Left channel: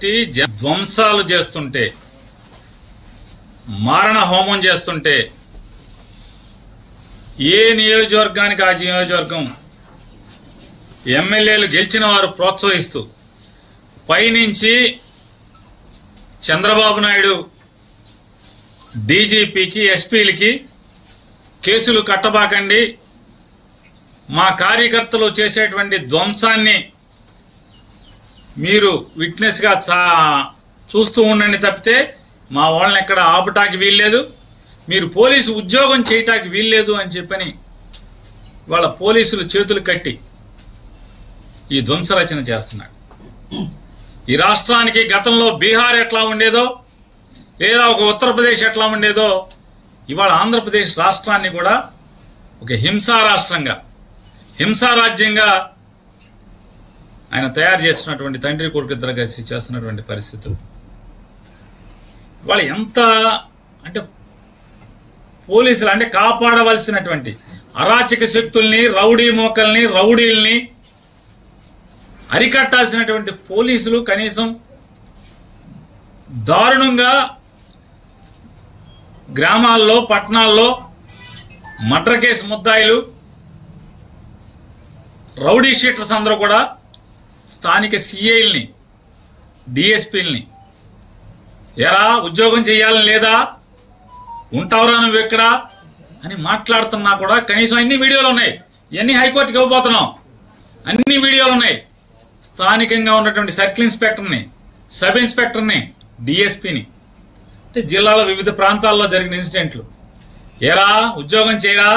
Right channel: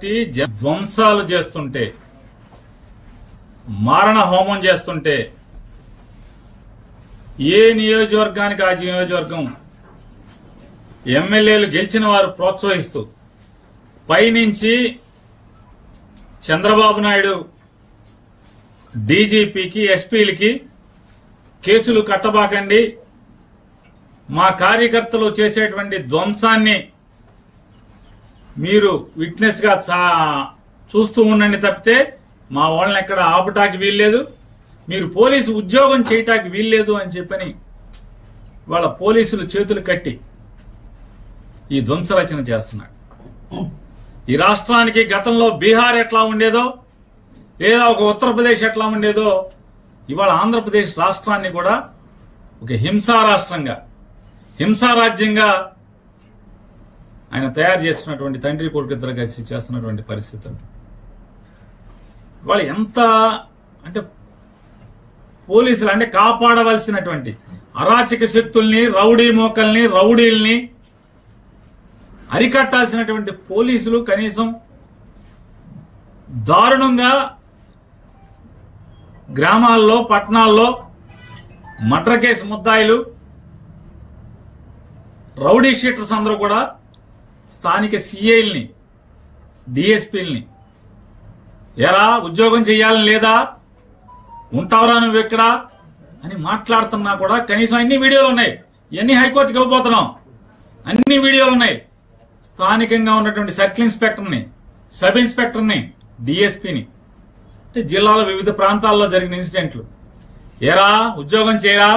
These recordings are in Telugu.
పార్టీ ధ్వంసాలు చేస్తుంటే, మారణ హోమం చేస్తుంటే ఏ నియోజకవర్గానికి ఆ నియోజకవర్గం ఎమ్మెల్యేలు గెలిచిన వారు ప్రోత్సహిస్తూ పైనుంచి చంద్రబాబు నాయుడు డీజీపీకి ఎస్పీలకి కేసులు కట్టబాకండి, మా కార్యకర్తలు చేసేటువంటి ధ్వంసాన్ని మీరు విట్నెస్ గా చూస్తూ ఉండండి తప్పితే మా వాళ్ళని ఎక్కడ ఆపటానికి వీల్లేదు, మీరు పోలీసు ఉద్యోగం చేయటానికి వీల్లేదు అని చెప్పని వాళ్ళ పోలీసులు చేతులు కట్టి ఈ ధ్వంసరచన చేస్తున్నాడు. ఈ రాష్ట్రానికి గతంలో బీహార్ ఎట్లా ఉండేదో లేదా ఒక ఉత్తరప్రదేశ్ ఎట్లా ఉండేదో ఇవాళ ఆంధ్రప్రదేశ్ రాష్ట్రాన్ని కూడా ఒక హింసా రాష్ట్రంగా, హింసా రాజ్యంగా ఆయన తయారు చేస్తున్నటువంటి తండ్రి కొడుకు ఇద్దరు కలిసి చేస్తున్నటువంటి పరిస్థితులు ఇవాళ ఎంత అంటే పోలీసులు అంటే కాపాడవలసినటువంటి అరాచక శక్తుల్ని, రౌడీ మోకల్ని, రౌడీల్ని అరికట్టాల్సినటువంటి పోలీసులు కనీసం దారుణంగా గ్రామాల్లో, పట్టణాల్లో మర్డర్ కేసు ముద్దాయిలు, రౌడీ షీటర్స్ అందరూ కూడా స్థానిక సిఐల్ని, డిఎస్పీల్ని ఎరా ఉద్యోగం చేయాలని లేదా, ఉంటావరా నువ్వు ఎక్కడ అని మాట్లాడుతున్నా కూడా కనీసం అన్ని వీడియోలు ఉన్నాయి. ఇవన్నీ హైకోర్టుకి ఇవ్వబోతున్నాం, అన్ని వీడియోలు ఉన్నాయి. స్థానికంగా ఉన్నటువంటి సర్కిల్ ఇన్స్పెక్టర్ని, సబ్ ఇన్స్పెక్టర్ని, డిఎస్పీని అంటే జిల్లాలో వివిధ ప్రాంతాల్లో జరిగిన ఇన్సిడెంట్లు, ఏరా ఉద్యోగం చేయరా,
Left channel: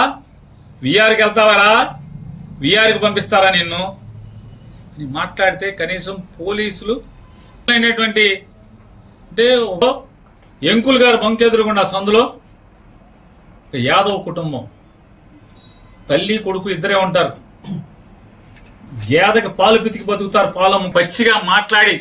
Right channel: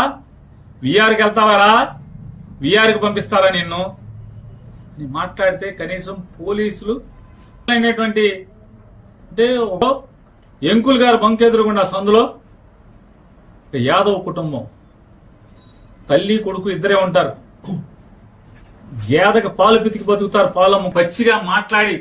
విఆర్కి వెళ్తావారా, విఆర్కి పంపిస్తారా నిన్ను అని మాట్లాడితే కనీసం పోలీసులు అయినటువంటి అంటే ఎంకుల్ గారు బంకెదురుగుండా సందులో యాదవ్ కుటుంబం తల్లి కొడుకు ఇద్దరే ఉంటారు. గేదకి పాలు పితికి బతుకుతారు, పాలము పచ్చిగా మాట్లాడి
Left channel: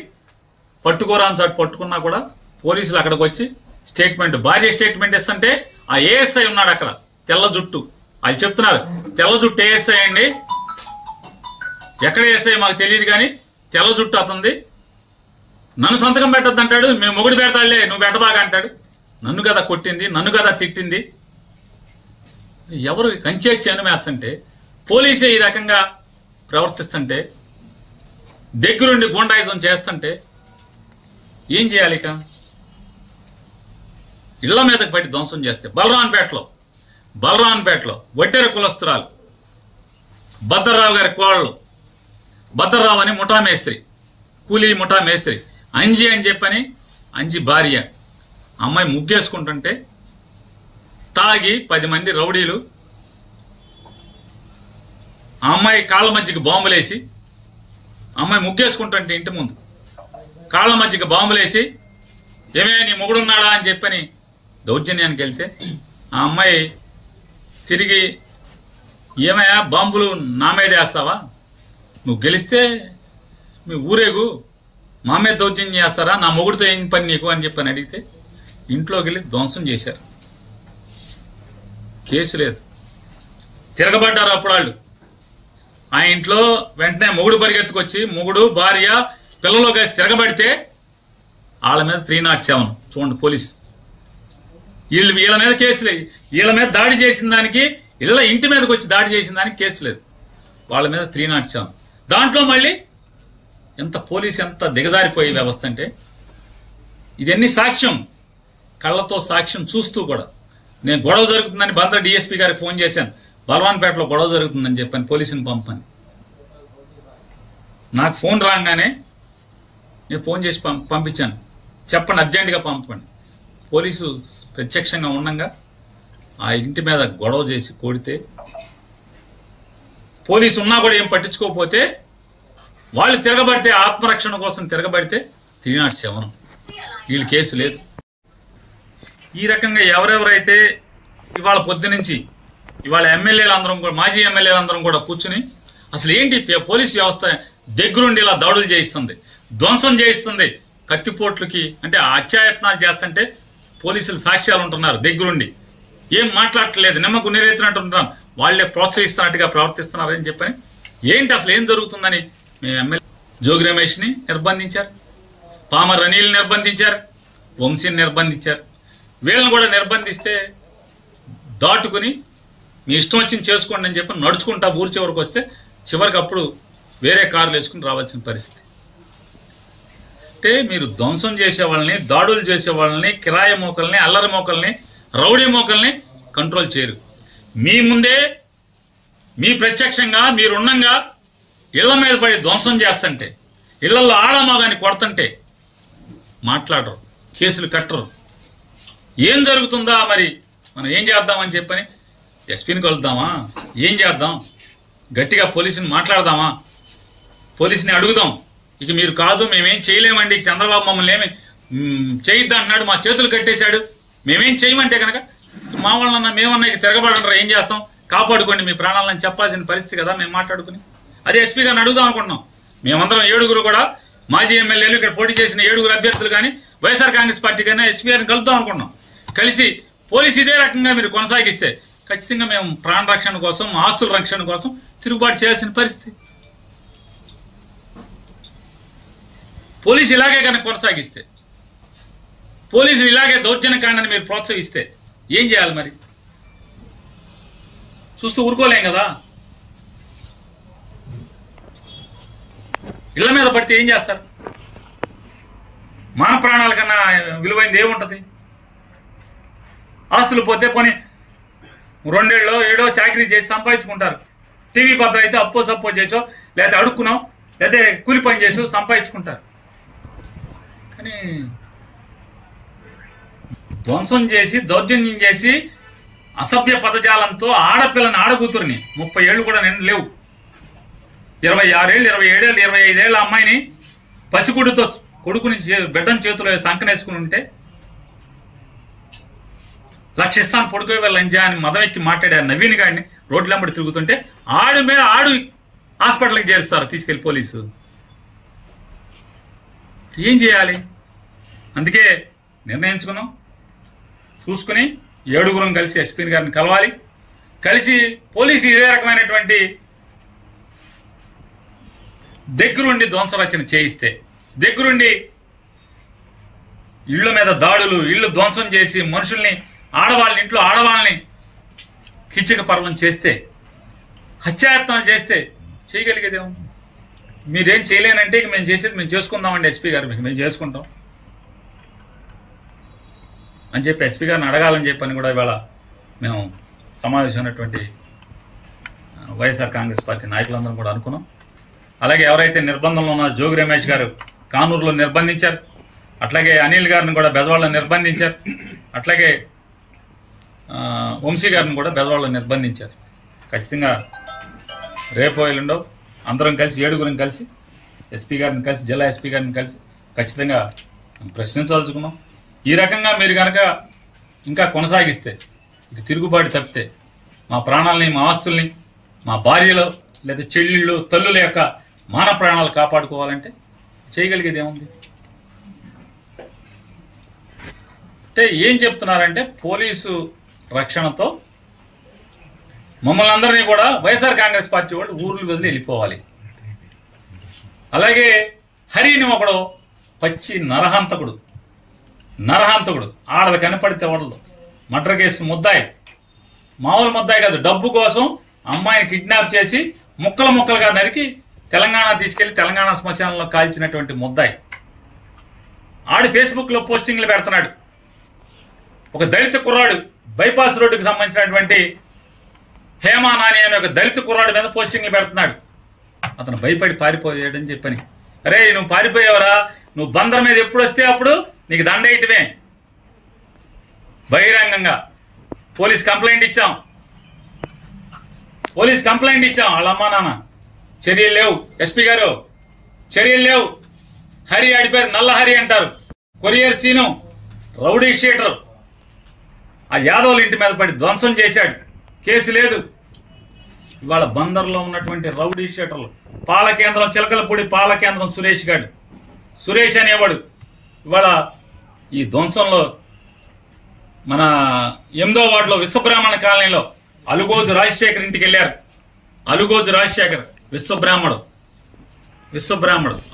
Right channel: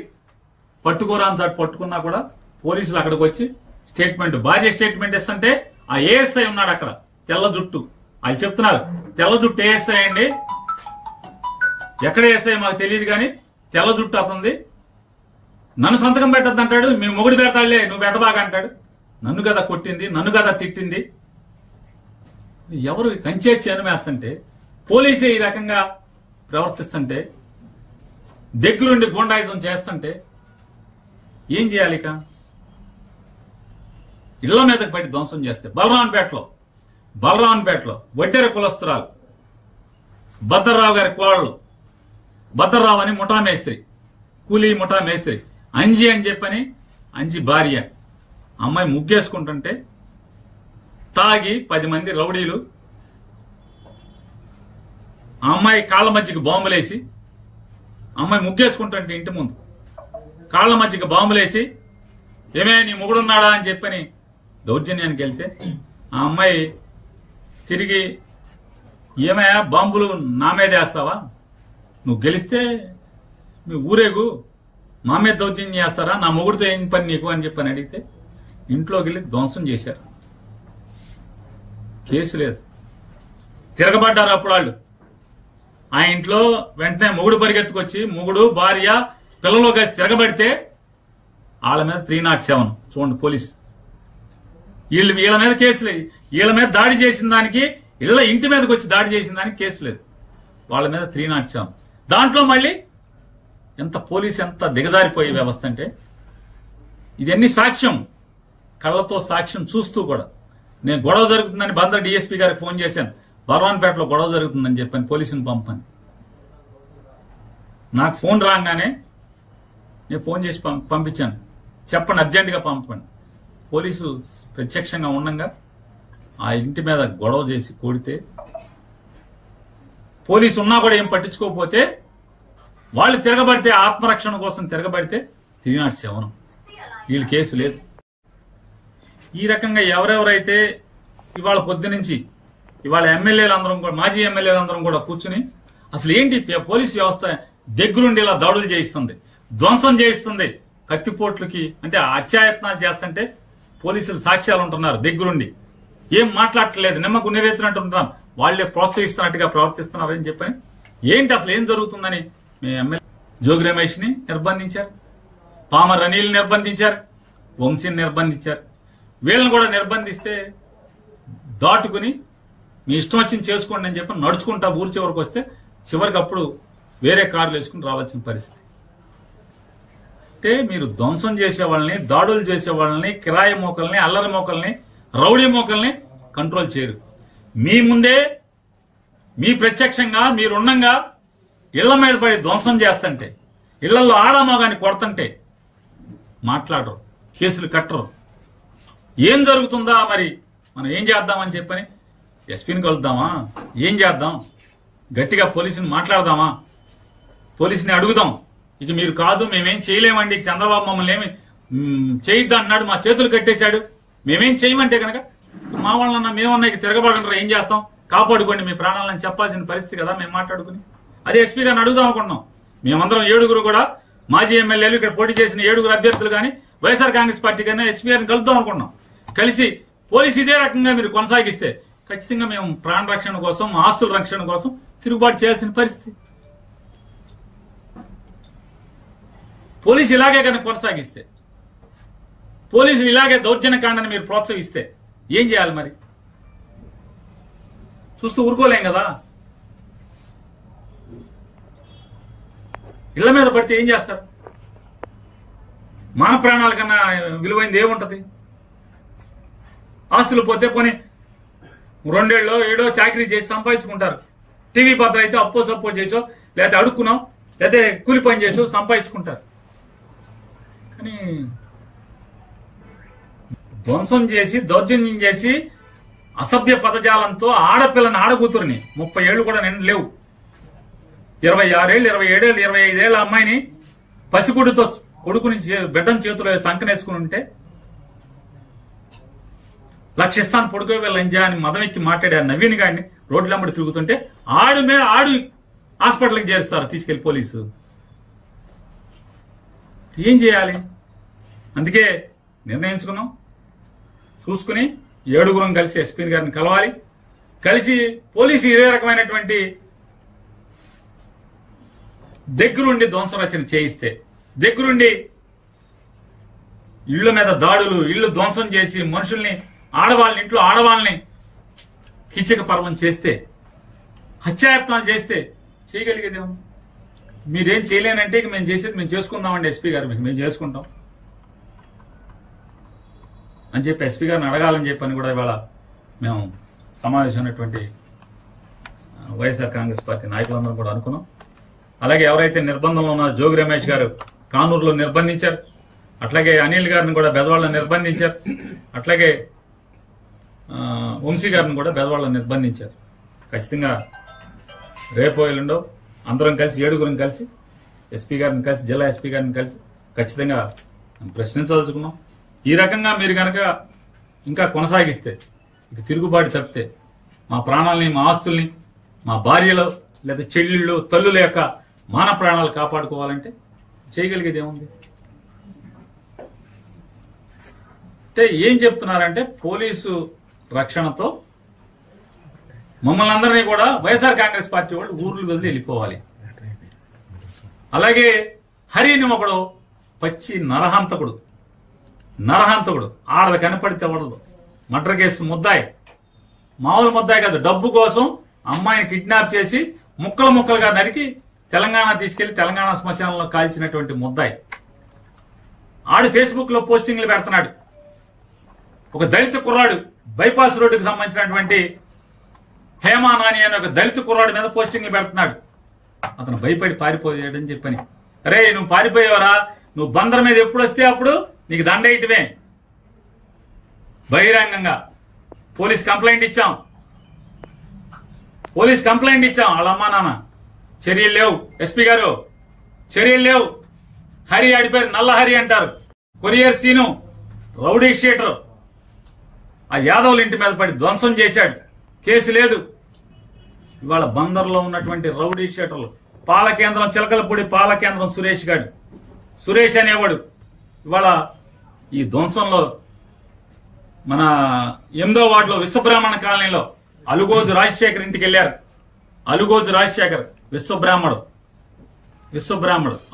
పట్టుకోరాని చాటు పట్టుకున్నా కూడా పోలీసులు అక్కడికి వచ్చి స్టేట్మెంట్, భార్య స్టేట్మెంట్ ఇస్తుంటే ఆ ఏఎస్ఐ ఉన్నాడు అక్కడ తెల్ల జుట్టు, వాళ్ళు చెప్తున్నారు తెల్ల జుట్టు ఏఎస్ఐ అండి, ఎక్కడ ఏఎస్ఐ మాకు తెలియదు కానీ తెల్ల జుట్టు అతంది, నన్ను సంతకం పెట్టద్దు అంటాడు, మేము మొగుడు పెడతాడులే నువ్వు పెట్టబాగా అంటాడు. నన్ను కదా కొట్టింది, నన్ను కదా తిట్టింది. ఎవరు కంచేచ్చి అనుమేస్తుంటే పోలీసే ఈ రకంగా ప్రవర్తిస్తుంటే, దగ్గరుండి గూండాయిజం చేస్తుంటే ఏం చేయాలి? ఇక ఇళ్ల మీదకి పట్టి ధ్వంసం చేస్తే బలరాన్పేటలో వడ్డెర కులస్తురాలు భద్రరావు గారి కోడలు, భద్రరావు అని ముఠా మేస్త్రి, కూలీ ముఠా మేస్త్రి అంజి అని చెప్పని, అంజి భార్య అమ్మాయి ముగ్గేసుకుంటుంటే తాగి 10 మంది రౌడీలు ఆ అమ్మాయి కాళ్ళ మధ్యకి బాంబులేసి, అమ్మాయి ముగ్గేసుకుంటుంటే ఇంటి ముందు కాళ్ళ మధ్యకి బాంబులేసి ఏమే నీ మొగుడున్నాడా అని చెప్పని దౌర్జన్యానికి వెళ్తే ఆ అమ్మాయి తిరిగి ఏమయ్యా బాంబులు నా మీద వేస్తావా, నువ్వు గెలిస్తే మీ ఊరేగు మా మీద దౌర్జన్యం చేస్తారా, నా మొగుడితో ఏం పని నీకు అని చెప్పని అడిగితే ఇంట్లోకి వెళ్ళి ధ్వంసం చేశారు. కేసు లేదు, తిరగబడ్డారు అప్పుడు వాళ్ళు. ఆ ఇంట్లో వెంటనే మొగుడు పరిగెత్తుకొచ్చి మొగుడు భార్య పిల్లలు కలిసి తిరగబడితే వాళ్ళ మీద 307 చూడండి పోలీసు, వీళ్ళ మీద కేసు లేదు. వీళ్ళ మీద దాడి చేసిన దానికి, ఇంటి మీదకి వచ్చి దాడి చేసిన దానికి కేసు లేదు, వాళ్ళ మీద 307. దాంట్లో మళ్ళీ ఎంత పోలీసు ఎంత దిగజారిపోయే వ్యవస్థ అంటే ఇదన్నీ సాక్ష్యం, కళ్ళతో సాక్ష్యం చూస్తూ కూడా. నేను గొడవ జరుగుతుందని బంద్ర డిఎస్పీ గారికి ఫోన్ చేశాను, బలవాన్పేటలో గొడవ జరుగుతుందని చెప్పాను, పోలీసుని పంపని. నాకు ఫోన్ రాగానే నేను ఫోన్ చేసి పంపించాను, చెప్పండి అర్జెంటుగా పంపండి. పోలీసు ప్రత్యక్షంగా ఉండగా ఆ ఇంటి మీద గొడవ చేసి కొడితే, పోలీసు ఉన్నా కూడా ఏం పట్టించుకోకపోతే, వాళ్ళు తిరగబడితే ఆత్మరక్షణ కోసం తిరగబడితే 307, వీళ్ళు కేసు లేదు. ఈ రకంగా ఎవరెవరైతే ఇవాళ పొద్దునుంచి ఇవాళ ఎమ్మెల్యేలందరం కూడా, మాజీ ఎమ్మెల్యేలందరం కూడా కూర్చుని అసలు ఏంటి పోలీసు వ్యవస్థ దగ్గరుండి ఇలా దాడులు చేయిస్తుంది, ధ్వంసం చేయిస్తుంది, కత్తిపోట్లకి అంటే అత్యాయత్నాలు చేస్తుంటే పోలీసులు సాక్ష్యాలు ఉంటున్నారు, దగ్గరుండి ఏం మాట్లాడట్లేదు, నిమ్మకు నీరెత్తినట్టుంటున్నారు, వాళ్లే ప్రోత్సహిస్తున్నట్టుగా ప్రవర్తిస్తున్నారని చెప్పని ఏంటి అసలు ఏం జరుగుతుందని మీ ఎమ్మెల్యే జోగి రమేష్ ని నిర్బంధించారు. పామర్ అనిల్ నిర్బంధించారు, వంశీని నిర్బంధించారు. వీళ్ళని కూడా నిర్బంధిస్తే దాటుకుని మీ ఇష్టం వచ్చింది చేసుకోండి అని చెప్పి నడుచుకుంటా ఊరి చివరికి వస్తే చివరికి అప్పుడు వేరే కార్లు వేసుకుని రావాల్సిన పరిస్థితి. అంటే మీరు ధ్వంసం చేసే వాళ్ళని, దాడులు చేసే వాళ్ళని, కిరాయి మోకల్ని, అల్లరి మోకల్ని, రౌడీ మోకల్ని కంట్రోల్ చేయరు. మీ ముందే మీ ప్రత్యక్షంగా మీరున్నంగా ఇళ్ల మీద పడి ధ్వంసం చేస్తుంటే, ఇళ్లలో ఆడమగాని కొడుతుంటే మాట్లాడరు, కేసులు కట్టరు. ఏం జరుగుతుందా మరి మనం ఏం చేద్దామని చెప్పని ఎస్పీని కలుద్దామా, ఏం చేద్దాం, గట్టిగా పోలీసుని మాట్లాడదామా, పోలీసుని అడుగుదాం. ఇక మీరు కాదు మేమేం చేయలేమండి, చంద్రబాబు మమ్మల్ని ఏమి చేయొద్దు అంటున్నాడు, మా చేతులు కట్టేశాడు, మేమేం చేయమంటే కనుక మా వాళ్ళన్నా మేమన్నా ఇక తిరగబడంటారా, ఏం చేస్తాం, కాపాడుకోండి మీ ప్రాణాలని చెప్పాల్సిన పరిస్థితి కదా మేము మాట్లాడుకుని. అదే ఎస్పీ గారిని అడుగుదాం అనుకుంటున్నాం. మేమందరం 7 కూడా మాజీ ఎమ్మెల్యేలు, ఇక్కడ పోటీ చేసిన 7 అభ్యర్థులు కానీ వైఎస్ఆర్ కాంగ్రెస్ పార్టీ కానీ ఎస్పీ గారిని కలుద్దాం అనుకున్నాం. కలిసి పోలీసు ఇదే రకంగా మీరు కొనసాగిస్తే ఖచ్చితంగా మేము ప్రాణ రక్షణ కోసం, ఆస్తుల రక్షణ కోసం తిరుగుబాటు చేయాల్సిన పరిస్థితి. పోలీసు ఇలాగే కనుక కొనసాగిస్తే, పోలీసులు ఇలాగే దౌర్జన్యకాండని మీరు ప్రోత్సహిస్తే ఏం చేయాలి మరి? చూస్తూ ఊరుకోలేం కదా. ఇళ్ల మీద పడితే ఏం చేస్తారు? మాన ప్రాణాల కన్నా విలువైంది ఏముంటది? ఆస్తులు పోతే కొని 2 ఏళ్ళో 7 చాకరీ చేసి సంపాదించుకుంటారు. టీవీ పాత్ర అయితే అప్పో సప్పో చేసో, లేదా అడుక్కున్నాం, లేదా కూలి పని చేసో సంపాదించుకుంటారు. కానీ ధ్వంసం చేసి, దౌర్జన్యం చేసి, అసభ్య పదజాలంతో ఆడపిల్లని, ఆడకూతురిని 30 ఏళ్ళు కూడా నిండు లేవు, 26 ఏళ్ళు, 27 ఏళ్ళు, 25 ఏళ్ళ అమ్మాయిని పసిగుడితో కొడుకుని బిడ్డను చేతిలో సంకనేసుకుని ఉంటే లక్షిస్తాను పొడుకో లంజా అని మదం ఎక్కి మాట్లాడారు నవీన్ గారిని రోడ్లెంబడి తిరుగుతుంటే ఆడు హాస్పిటల్కి చేరుస్తారు తీసుకెళ్లి పోలీసు. ఏం చేయాలి? అందుకే నిర్ణయించుకున్నాం, చూసుకుని 7 కలిసి ఎస్పీ గారిని కలవాలి. కలిసి పోలీసు ఇదే రకమైనటువంటి దగ్గరుండి ధ్వంసరచన చేయిస్తే, దగ్గరుండి ఇళ్ల మీద దాడులు, ఇళ్లు ధ్వంసం చేసి మనుషుల్ని, ఆడవాళ్ళని, ఇంట్లో ఆడవాళ్ళని కిచక పర్వం చేస్తే, హత్యాయత్నాలు చేస్తే చేయగలిగేదేమో. మీరేం చేయలేనంటే ఇక మేము చేసేది మేము చేసుకుందామండి ఎస్పీ గారు, మేము చేసుకుంటాం అని చెప్పి ఎస్పీ గారిని అడగాలని చెప్పని కూడా ఇవాళ మేము సమావేశమైనటువంటి వైఎస్ఆర్ కాంగ్రెస్ పార్టీ నాయకులందరం కూడా అనుకున్నాం. అలాగే ఎవరైతే నిర్బంధంలో ఉన్న జోగి రమేష్ గారు కానూరులో నిర్బంధించారు, అట్లాగే అనిల్ గారిని కూడా బెజవాడలో నిర్బంధించారు, అట్లాగే వంశీ గారిని కూడా బెజవాడలో నిర్బంధించారు. ఖచ్చితంగా రేపు ఎల్లుండో అందరం కలిసి 7 కలిసి ఎస్పీ గారిని కలిసి, జిల్లా ఎస్పీ గారిని కలిసి ఖచ్చితంగా ప్రశ్నించదలుచుకున్నాం. ఈ రకంగా మీరు కనుక ఇంకా కొనసాగిస్తే, ఇక తిరుగుబాటు తప్పితే, మా ప్రాణాలని, మా ఆస్తుల్ని, మా భార్యలు లేదా చెల్లెళ్ళు, తల్లుల యొక్క మాన ప్రాణాలు కాపాడుకోవాలంటే చేయగలిగేది ఏముంది? అంటే ఏం చెప్తున్నారంటే పోలీసు రక్షణతో మమ్మల్ని అందరినీ కూడా వైఎస్ఆర్ కాంగ్రెస్ పార్టీ వాళ్ళు ఊర్లు వదిలి వెళ్ళిపోవాలి. అలాగే హరిని ఒకడు పచ్చి నరహంతకుడు, ఆడది కనపడితే వడదు, మర్డర్ కేసు ముద్దాయి, మామూలు ముద్దాయి కాదు, డబ్బు కోసం అమ్మాయిని కిడ్నాప్ చేసి ముక్కలుగా నరికి తెలంగాణ తీసుకెళ్లి తెలంగాణ శ్మశానంలో కాల్చినటువంటి ముద్దాయి. ఆడి ఫేస్బుక్ లో పోస్టింగ్లు పెడుతున్నాడు. ఒక దళిత కుర్రాడు, బైపాస్ రోడ్డుకు సంబంధించినటువంటి హేమా నాని అనే ఒక దళిత కుర్రాడు మీద పోస్టింగ్లు పెడుతున్నాడు. అతను భయపడి పారిపోయాడని చెప్పని, అరే నువ్వు పారిపోయావరా, నువ్వు బందర్ మీద ఎప్పుడు వస్తే అప్పుడు నీకు దండేయటమే. బహిరంగంగా పోలీస్ కంప్లైంట్ ఇచ్చాం, వాళ్ళ అమ్మా నాన్న. చర్యలు లేవు ఎస్పీ గారు, చర్యలు లేవు. హరి ఆడిపోయారు, నల్ల హరి అంటారు, కొరియర్ సీను, రౌడీ షీటర్, ఆ యాదవుల ఇంటి మీద పడి ధ్వంసం చేశాడు, కేసు లేదు. ఇవాళ బందర్లో ఉన్నటువంటి రౌడీ షీటర్లు, పాలకేంద్రం చిలకలపూడి పాలకేంద్రం సురేష్ అనేవాడు ఇవాళ ఈ ధ్వంసంలో మన 8వ వార్డులో విశ్వబ్రాహ్మణ కాలనీలో అలుగోజు రాజశేఖర్ ఇంటికి వెళ్ళారు. అలుగోజు రాజశేఖర్ విశ్వబ్రాహ్మడు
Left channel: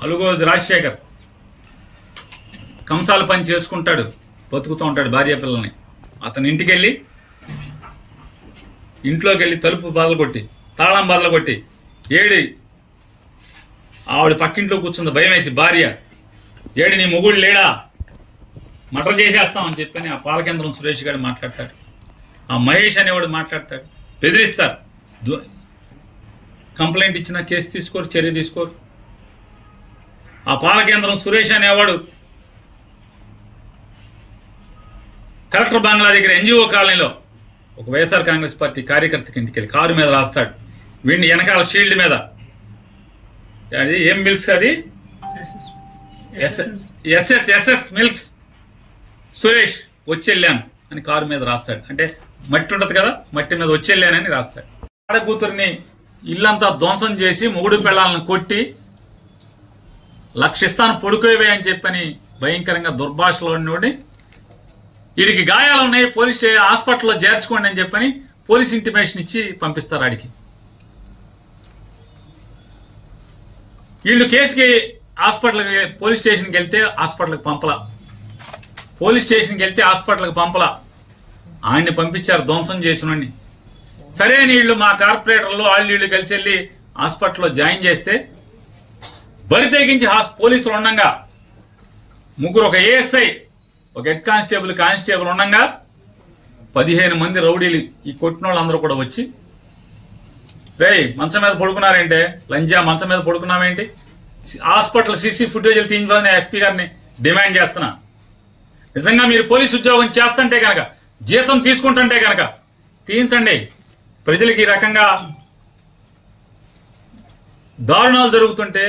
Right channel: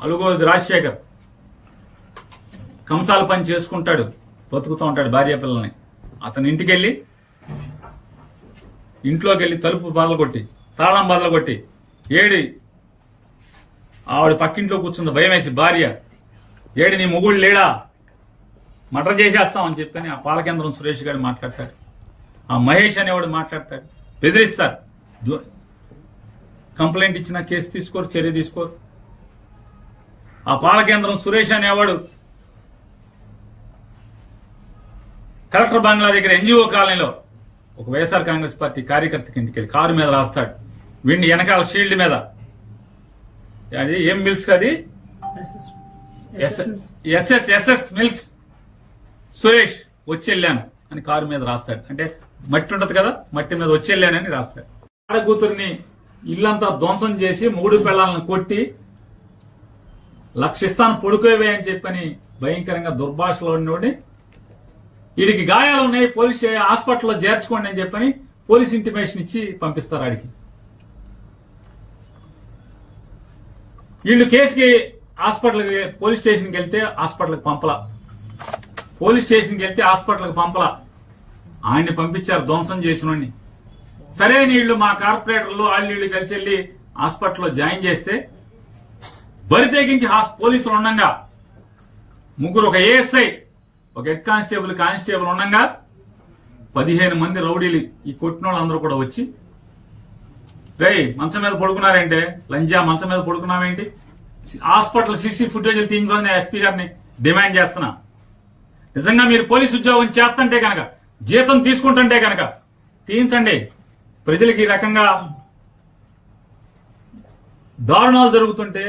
అలుగోజు రాజశేఖర్ కంసాల పని చేసుకుంటాడు, బతుకుతూ ఉంటాడు భార్య పిల్లల్ని. అతని ఇంట్లోకి వెళ్ళి తలుపు బదలగొట్టి తాళం బదలగొట్టి ఏడి ఆవిడ పక్కింట్లో కూర్చుంది భయం వేసి భార్య, ఏడి నీ మొగుడు లేడా, మర్డర్ చేసేస్తామని చెప్పని ఆ పాలకేంద్రం సురేష్ గారు మాట్లాడతాడు. ఆ మహేష్ అనేవాడు మాట్లాడతాడు, బెదిరిస్తారు. కంప్లైంట్ ఇచ్చినా కేసు తీసుకోరు, చర్య తీసుకోరు. ఆ పాలకేంద్రం సురేష్ అనేవాడు కలెక్టర్ బంగ్లా దగ్గర ఎన్జిఓ కాలనీలో ఒక వైఎస్ఆర్ కాంగ్రెస్ పార్టీ కార్యకర్తకి ఇంటికి వెళ్ళి కారు మీద రాస్తాడు. వీడిని వెనకాల షీల్డ్ మీద అది ఏం మిల్క్స్, అది ఎస్ఎస్ మిల్క్స్ సురేష్ వచ్చెళ్ళాను అని కారు మీద రాస్తాడు. అంటే మట్టి ఉంటది కదా, మట్టి మీద వచ్చెళ్ళానని రాస్తాడు. ఆడ కూతురిని ఇల్లంతా ధ్వంసం చేసి మొగుడు పిల్లలను కొట్టి లక్షిస్తాను పొడుకోవే అని చెప్పని భయంకరంగా దుర్భాషలో ఉన్నోడి వీడికి గాయాలు ఉన్నాయి, పోలీస్ హాస్పిటల్లో చేర్చుకోండి అని చెప్పని పోలీస్ ఇంటిమేషన్ ఇచ్చి పంపిస్తారు ఆడికి. వీళ్ళు కేసుకి హాస్పిటల్కి పోలీస్ స్టేషన్కి వెళ్తే హాస్పిటల్కి పంపలా, పోలీస్ స్టేషన్కి వెళ్తే హాస్పిటల్కి పంపలా, ఆయన్ని పంపించారు ధ్వంసం చేసినోడిని. సరే వీళ్ళు మా కార్పొరేటర్లు వీళ్ళు కలిసి వెళ్ళి హాస్పిటల్లో జాయిన్ చేస్తే బరి తెగించి పోలీసులు ఉండగా ముగ్గురు, ఒక ఏఎస్ఐ, ఒక హెడ్ కానిస్టేబుల్ ఉండగా 15 మంది రౌడీలు ఈ కొట్టిన వాళ్ళందరూ కూడా వచ్చి, రేయ్ మంచం మీద పడుకున్నారేంటే, లంజా మంచం మీద పడుకున్నామేంటి, హాస్పిటల్ సీసీ ఫుటేజీలు తీయించుకోవాలని ఎస్పీ గారిని డిమాండ్ చేస్తున్నా. నిజంగా మీరు పోలీసు ఉద్యోగం చేస్తుంటే కనుక, జీతం తీసుకుంటుంటే కనుక తీయించండి. ప్రజలకు ఈ రకంగా దారుణాలు జరుగుతుంటే,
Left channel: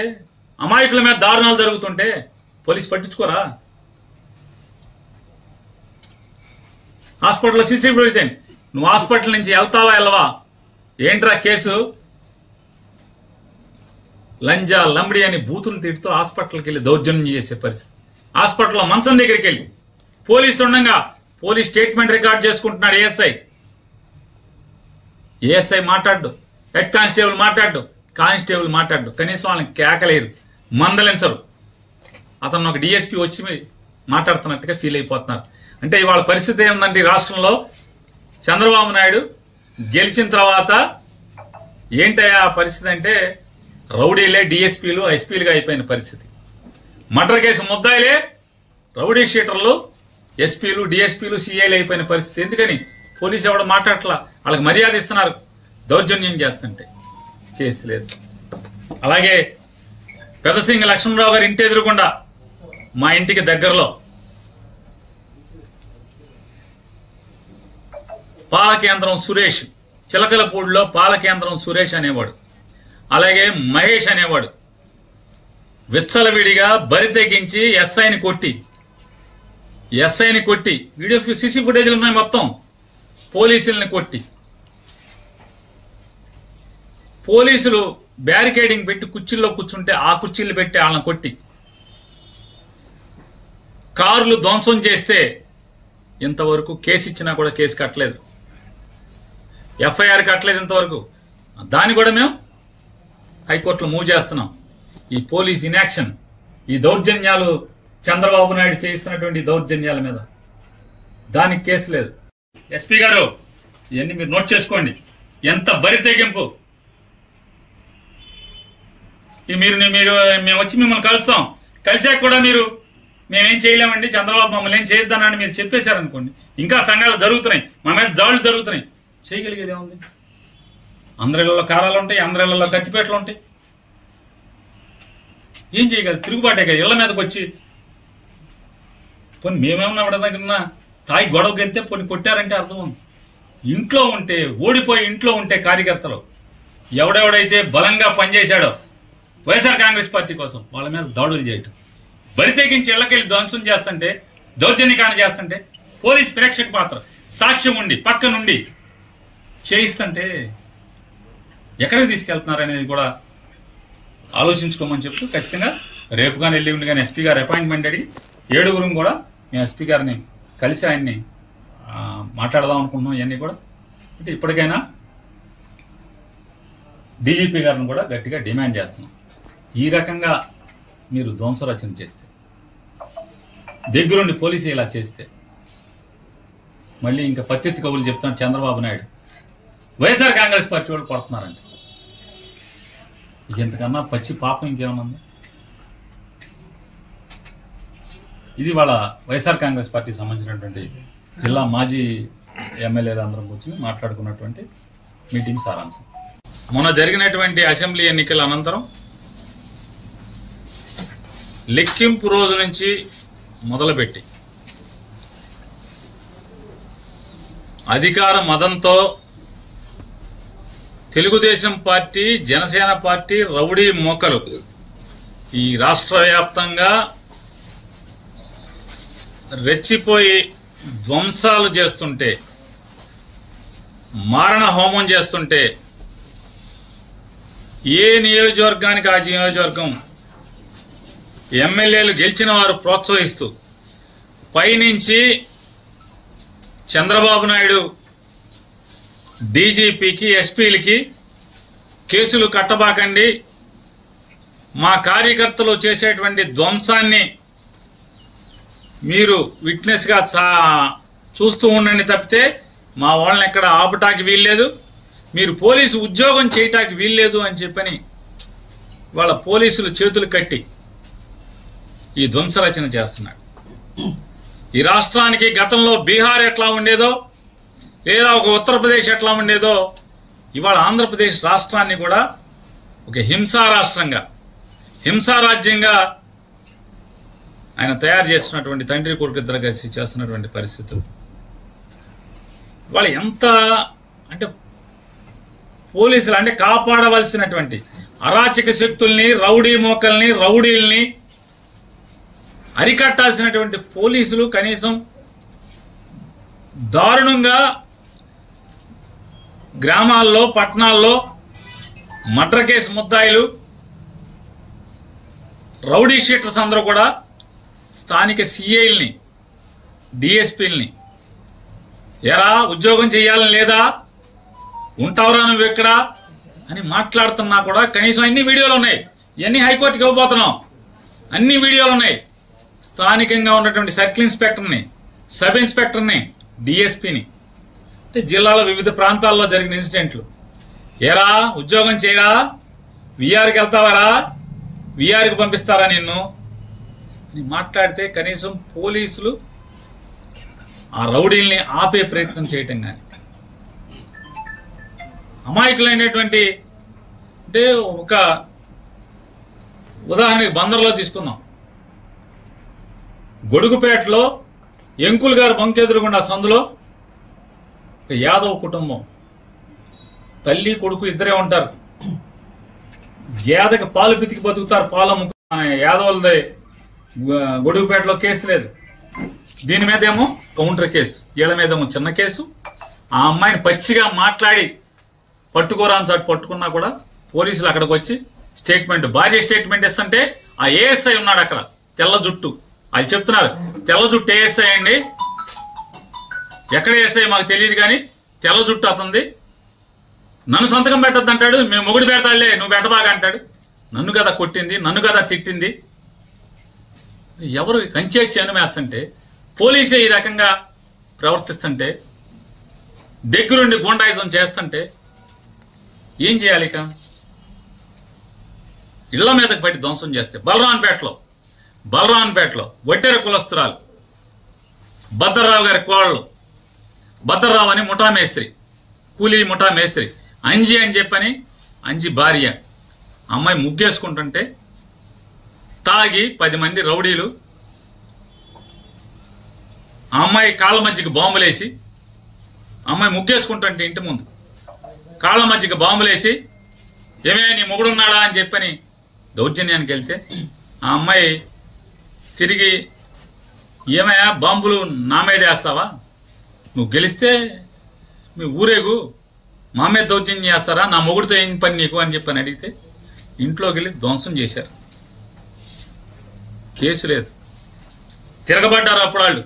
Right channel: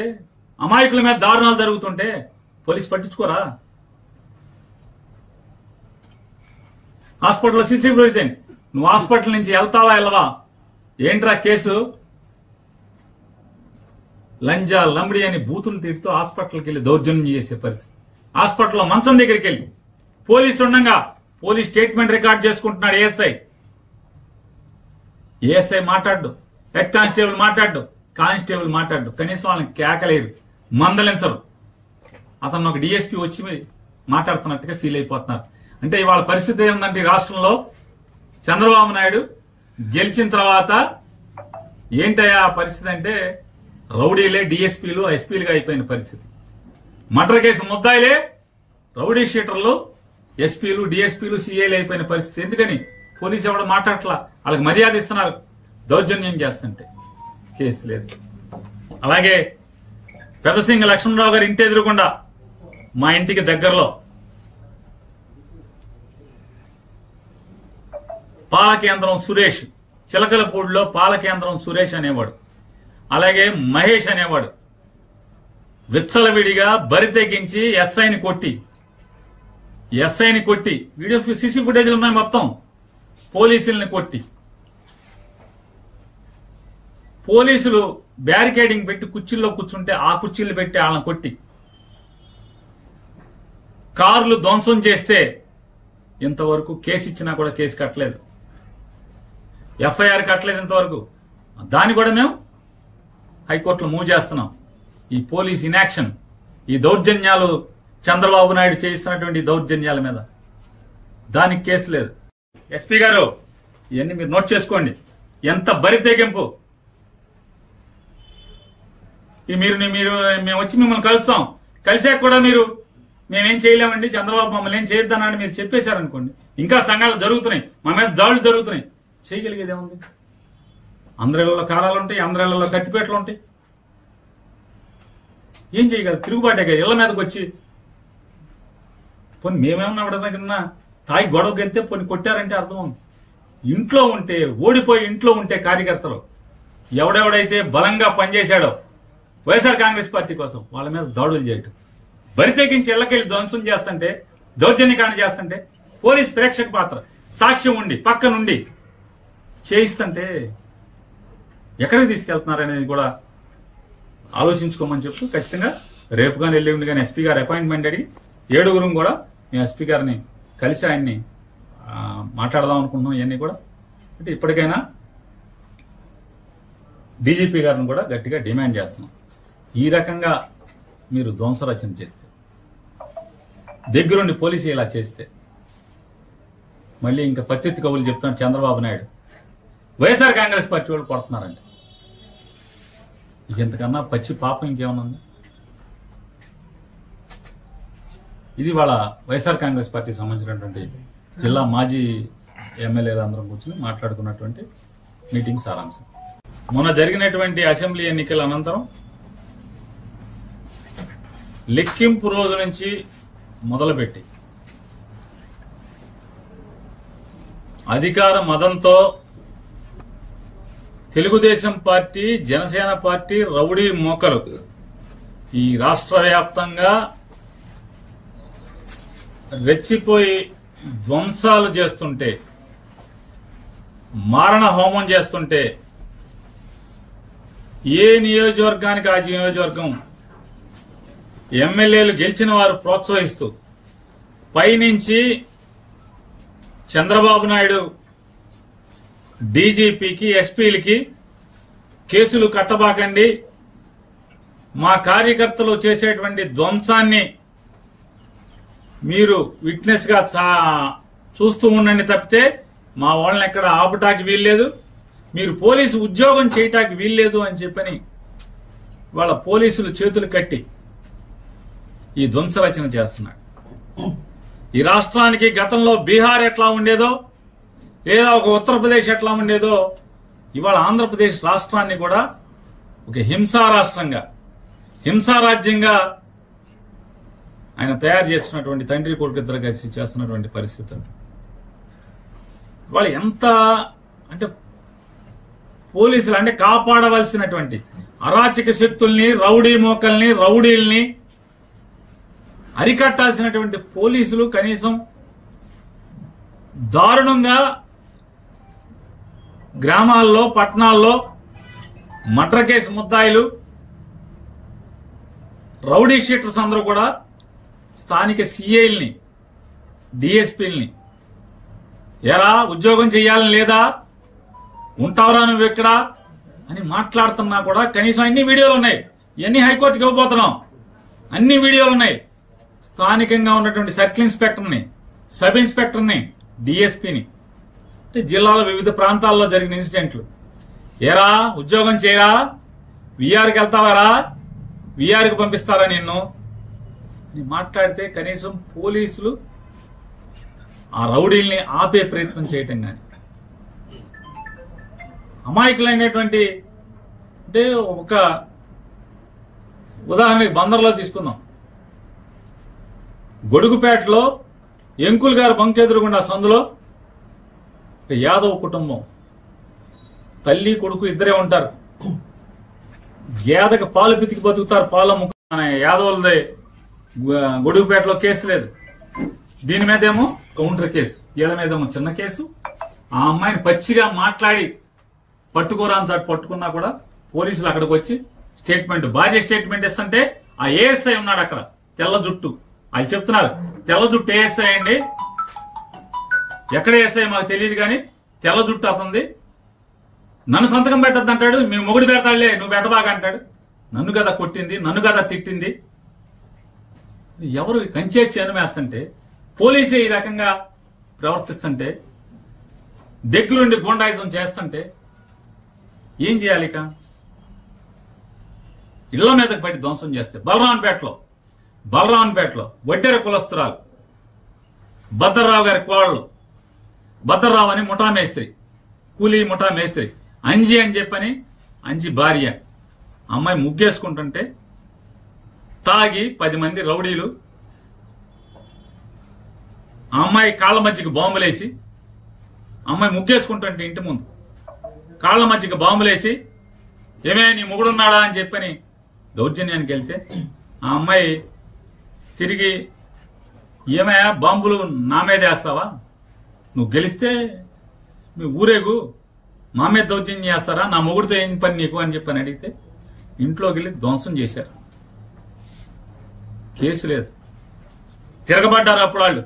అమాయకుల మీద దారుణాలు జరుగుతుంటే పోలీసు పట్టించుకోరా? హాస్పిటల్లో సీసీ ఫుటేజ్, నువ్వు హాస్పిటల్ నుంచి వెళ్తావా వెళ్ళవా, ఏంట్రా కేసు, లంజా లంబడి అని బూతులు తిడుతూ హాస్పిటల్కి వెళ్ళి దౌర్జన్యం చేసే పరిస్థితి. హాస్పిటల్లో మంచం దగ్గరికి వెళ్ళి పోలీసు ఉండగా పోలీస్ స్టేట్మెంట్ రికార్డ్ చేసుకుంటున్నాడు ఏఎస్ఐ మాట్లాడు, హెడ్ కానిస్టేబుల్ మాట్లాడు, కనీసం వాళ్ళని కేకలేరు, మందలించరు. అతను ఒక డిఎస్పీ వచ్చి మాట్లాడుతున్నట్టుగా ఫీల్ అయిపోతున్నారు. అంటే ఇవాళ పరిస్థితి ఏముందంటే రాష్ట్రంలో చంద్రబాబు నాయుడు గెలిచిన తర్వాత ఏంటయ్యా పరిస్థితి అంటే రౌడీలే డిఎస్పీలు ఎస్పీలుగా అయిపోయిన పరిస్థితి. మర్డర్ కేసు ముద్దాయిలే రౌడీ షీటర్లు ఎస్పీలు డిఎస్పీలు సిఐలు అయిపోయిన పరిస్థితి. ఎందుకని పోలీసు ఎవడు మాట్లాడట్లా, వాళ్ళకి మర్యాద ఇస్తున్నారు, దౌర్జన్యం చేస్తుంటే కేసు లేదు. అలాగే పెదసింగ లక్ష్మణరావు గారి ఇంటి ఎదురుకుండా మా ఇంటికి దగ్గరలో పాలకేంద్రం సురేష్, చిలకలపూడిలో పాలకేంద్రం సురేష్ అనేవాడు, అలాగే మహేష్ అనేవాడు విచ్చలవిడిగా బరి తెగించి ఎస్ఐని కొట్టి వీడియో సీసీ ఫుటేజ్లు ఉన్నాయి మొత్తం, పోలీసుల్ని కొట్టి, పోలీసులు బ్యారికేడింగ్ పెట్టి కుర్చీల్లో కూర్చుంటే ఆ కుర్చీలు పెట్టి వాళ్ళని కొట్టి, కార్లు ధ్వంసం చేస్తే ఇంతవరకు కేసు ఇచ్చినా కూడా కేసు కట్టలేదు, ఎఫ్ఐఆర్ కట్టలేదు ఇంతవరకు. దాన్ని కూడా మేము హైకోర్టులో మూవ్ చేస్తున్నాం. ఈ పోలీస్ ఇన్యాక్షన్, ఈ దౌర్జన్యాలు, చంద్రబాబు నాయుడు చేయిస్తున్నటువంటి దౌర్జన్యాల మీద దానికి కేసు లేదు. ఎస్పీ గారు ఇవన్నీ మీరు నోట్ చేసుకోండి. ఎంత బరి తెగింపు. మీరు మేము వచ్చి మిమ్మల్ని కలుస్తాం, కలిసాక కూడా మీరు మేమేం చేయలేమండి, చంద్రబాబు మమ్మల్ని ఏం చేయొద్దన్నాడు మీరు చెప్పేశారనుకోండి, ఇంకా సంఘాలు జరుగుతున్నాయి, మా మీద దాడులు జరుగుతున్నాయి, చేయగలిగేది ఏముంది? అందరిళ్లలో కారాలు ఉంటాయి, అందరిళ్లలో కత్తిపేటలు ఉంటాయి, ఏం చేయగలరు? తిరుగుబాటే కదా. ఇళ్ల మీదకి వచ్చి పోనీ మేమేమన్నా ఎవడన్నా తాయి గొడవకి వెళ్తే పోనీ కొట్టారంటే అర్థం ఉంది. ఇంట్లో ఉంటే, ఓడిపోయి ఇంట్లో ఉంటే కార్యకర్తలు ఎవడెవడైతే బలంగా పనిచేశాడో వైఎస్ఆర్ కాంగ్రెస్ పార్టీ కోసం వాళ్ళ మీద దాడులు చేయటం, బరి తెగించి ఇళ్లకెళ్ళి ధ్వంసం చేస్తుంటే, దౌర్జన్యకాండ చేస్తుంటే, పోలీస్ ప్రేక్షక పాత్ర, సాక్ష్యం ఉండి పక్క నుండి చేయిస్తుంటే ఎక్కడికి తీసుకెళ్తున్నారనేది కూడా ఆలోచించుకోమని చెప్తూ ఖచ్చితంగా రేపు కానీ ఎల్లుండి కానీ ఎస్పీ గారు అపాయింట్మెంట్ అడిగి 7 కూడా మేము ఎస్పీ గారిని కలిసి ఆయన్ని మాట్లాడదాం అనుకుంటున్నాం. ఇవన్నీ కూడా అంటే ఇప్పటికైనా డీజీపీ గారిని కూడా గట్టిగా డిమాండ్ చేస్తున్నాం. ఈ రకంగా మీరు ధ్వంసరచన చేస్తే దగ్గరుండి పోలీసు ఇలా చేస్తే మళ్ళీ ఇంకా పత్తిత్తి కబుర్లు చెప్తాను చంద్రబాబు నాయుడు. వైఎస్ఆర్ కాంగ్రెస్ పార్టీ వాళ్ళు కొడుతున్నారండి. ఇంతకన్నా పచ్చి పాపం ఇంకేమన్నా ఉంది? ఇది వాళ్ళ వైఎస్ఆర్ కాంగ్రెస్ పార్టీకి సంబంధించినటువంటి జిల్లా మాజీ ఎమ్మెల్యేలు అందరం కూర్చొని మాట్లాడుకున్నటువంటి మీటింగ్ సారాంశం. మొన్న జరిగినటువంటి అసెంబ్లీ ఎన్నికల అనంతరం లెక్కింపు రోజు నుంచి మొదలుపెట్టి అధికార మదంతో Telugu Desam party, Jana Sena party rowdy మోకలు ఈ రాష్ట్ర వ్యాప్తంగా రెచ్చిపోయి ధ్వంసాలు చేస్తుంటే, మారణ హోమం చేస్తుంటే ఏ నియోజకవర్గానికి ఆ నియోజకవర్గం ఎమ్మెల్యేలు గెలిచిన వారు ప్రోత్సహిస్తూ పైనుంచి చంద్రబాబు నాయుడు డీజీపీకి, ఎస్పీలకి కేసులు కట్టబాకండి, మా కార్యకర్తలు చేసేటువంటి ధ్వంసాన్ని మీరు విట్నెస్ గా చూస్తూ ఉండండి తప్పితే మా వాళ్ళని ఎక్కడ ఆపటానికి వీల్లేదు, మీరు పోలీసు ఉద్యోగం చేయటానికి వీల్లేదు అని చెప్పని వాళ్ళ పోలీసులు చేతులు కట్టి ఈ ధ్వంసరచన చేస్తున్నాడు. ఈ రాష్ట్రానికి గతంలో బీహార్ ఎట్లా ఉండేదో, లేదా ఒక ఉత్తరప్రదేశ్ ఎట్లా ఉండేదో, ఇవాళ ఆంధ్రప్రదేశ్ రాష్ట్రాన్ని కూడా ఒక హింసా రాష్ట్రంగా, హింసా రాజ్యంగా ఆయన తయారు చేస్తున్నటువంటి తండ్రి కొడుకు ఇద్దరు కలిసి చేస్తున్నటువంటి పరిస్థితులు ఇవాళ ఎంత అంటే పోలీసులు అంటే కాపాడవలసినటువంటి అరాచక శక్తుల్ని, రౌడీ మోకల్ని, రౌడీల్ని అరికట్టాల్సినటువంటి పోలీసులు కనీసం దారుణంగా గ్రామాల్లో, పట్టణాల్లో మర్డర్ కేసు ముద్దాయిలు, రౌడీ షీటర్స్ అందరూ కూడా స్థానిక సిఐల్ని, డిఎస్పీల్ని ఎరా ఉద్యోగం చేయాలని లేదా, ఉంటావరా నువ్వు ఎక్కడా అని మాట్లాడుతున్నా కూడా కనీసం అన్ని వీడియోలు ఉన్నాయి. ఇవన్నీ హైకోర్టుకి ఇవ్వబోతున్నాం. అన్ని వీడియోలు ఉన్నాయి. స్థానికంగా ఉన్నటువంటి సర్కిల్ ఇన్స్పెక్టర్ని, సబ్ ఇన్స్పెక్టర్ని, డిఎస్పీని, అంటే జిల్లాలో వివిధ ప్రాంతాల్లో జరిగిన ఇన్సిడెంట్లు, ఏరా ఉద్యోగం చేయరా, విఆర్కి వెళ్తావారా, విఆర్కి పంపిస్తారా నిన్ను అని మాట్లాడితే కనీసం పోలీసులు ఆ రౌడీల్ని ఆపే ప్రయత్నం చేయటం కానీ, అమాయకులైనటువంటి అంటే ఒక ఉదాహరణకి బందర్లో తీసుకుందాం. గొడుగుపేటలో ఎంకుల్ గారు బంకెదురుగుండా సందులో యాదవ్ కుటుంబం, తల్లి కొడుకు ఇద్దరే ఉంటారు. గేదకి పాలు పితికి బతుకుతారు, పాలు అమ్ముకు. మన యాదవులది గొడుగుపేటలో కేసు లేదు. దీని మీదేమో కౌంటర్ కేసు, వీళ్ళ మీదేమో చిన్న కేసు. ఆ అమ్మాయిని పచ్చిగా మాట్లాడి పట్టుకోరాని చాటు పట్టుకున్నా కూడా పోలీసులు అక్కడికి వచ్చి స్టేట్మెంట్, భార్య స్టేట్మెంట్ ఇస్తుంటే ఆ ఏఎస్ఐ ఉన్నాడు అక్కడ, తెల్ల జుట్టు. అది చెప్తున్నారు, తెల్ల జుట్టు ఏఎస్ఐ అండి, ఎక్కడ ఏఎస్ఐ మాకు తెలియదు కానీ తెల్ల జుట్టు అతంది, నన్ను సంతకం పెట్టద్దు అంటాడు. మేము మొగుడు పెడతాడులే, నువ్వు పెట్టబాగా అంటాడు. నన్ను కదా కొట్టింది, నన్ను కదా తిట్టింది. ఎవరు కంచే చేనుమేస్తుంటే, పోలీసే ఈ రకంగా ప్రవర్తిస్తుంటే, దగ్గరుండి గూండాయిజం చేస్తుంటే ఏం చేయాలి? ఇక ఇళ్ల మీదకి పట్టి ధ్వంసం చేస్తే బలరాన్పేటలో వడ్డెర కులస్తురాలు భద్రరావు గారి కోడలు, భద్రరావు అని ముఠా మేస్త్రి, కూలీ ముఠా మేస్త్రి, అంజి అని చెప్పని, అంజి భార్య, అమ్మాయి ముగ్గేసుకుంటుంటే తాగి 10 మంది రౌడీలు ఆ అమ్మాయి కాళ్ళ మధ్యకి బాంబులేసి, అమ్మాయి ముగ్గేసుకుంటుంటే ఇంటి ముందు కాళ్ల మధ్యకి బాంబులేసి, ఏమే నీ మొగుడున్నాడా అని చెప్పని దౌర్జన్యానికి వెళ్తే ఆ అమ్మాయి తిరిగి, ఏమయ్యా బాంబులు నా మీద వేస్తావా, నువ్వు గెలిస్తే మీ ఊరేగు, మా మీద దౌర్జన్యం చేస్తారా, నా మొగుడితో ఏం పని నీకు అని చెప్పని అడిగితే ఇంట్లోకి వెళ్ళి ధ్వంసం చేశారు. కేసు లేదు, తిరగబడ్డారు అప్పుడు వాళ్ళు.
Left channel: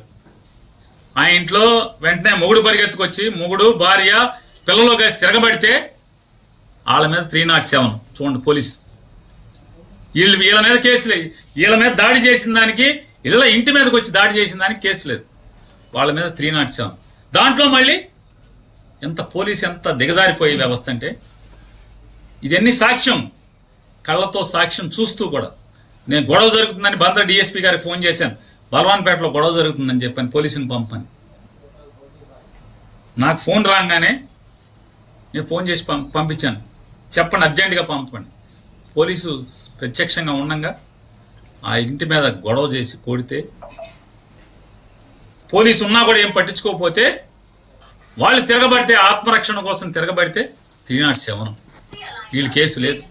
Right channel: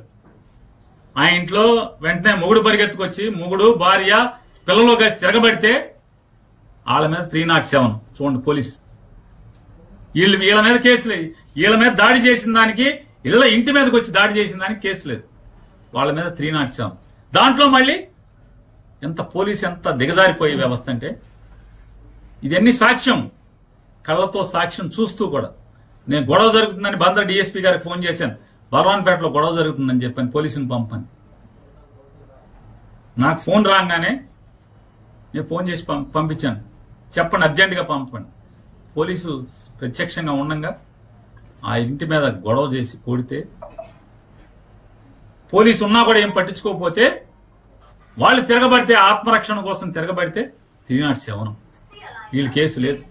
ఆ ఇంట్లో వెంటనే మొగుడు పరిగెత్తుకొచ్చి, మొగుడు భార్య పిల్లలు కలిసి తిరగబడితే వాళ్ళ మీద 307 చూడండి పోలీసు. వీళ్ళ మీద కేసులు, వీళ్ళ మీద దాడి చేసిన దానికి ఇంటి మీదకి వచ్చి దాడి చేసిన దానికి కేసు లేదు, వాళ్ళ మీద 307. దాంట్లో మళ్ళీ పోలీసు ఎంత దిగజారిపోయే వ్యవస్థ అంటే, ఇదన్నీ సాక్ష్యం, కళ్ళతో సాక్ష్యం చూస్తూ కూడా. నేను గొడవ జరుగుతుందని బందర్ డిఎస్పీ గారికి ఫోన్ చేశాను, బలవాన్పేటలో గొడవ జరుగుతుందని చెప్పాను, పోలీసుని పంపని. నాకు ఫోన్ రాగానే నేను ఫోన్ చేసి పంపించాను, చెప్పండి అర్జెంటుగా పంపండి. పోలీసు ప్రత్యక్షంగా ఉండగా ఆ ఇంటి మీద గొడవ చేసి కొడితే, పోలీసు ఉన్నా కూడా ఏం పట్టించుకోకపోతే, వాళ్ళు తిరగబడితే, ఆత్మరక్షణ కోసం తిరగబడితే 307. వీళ్ళు కేసు లేదు.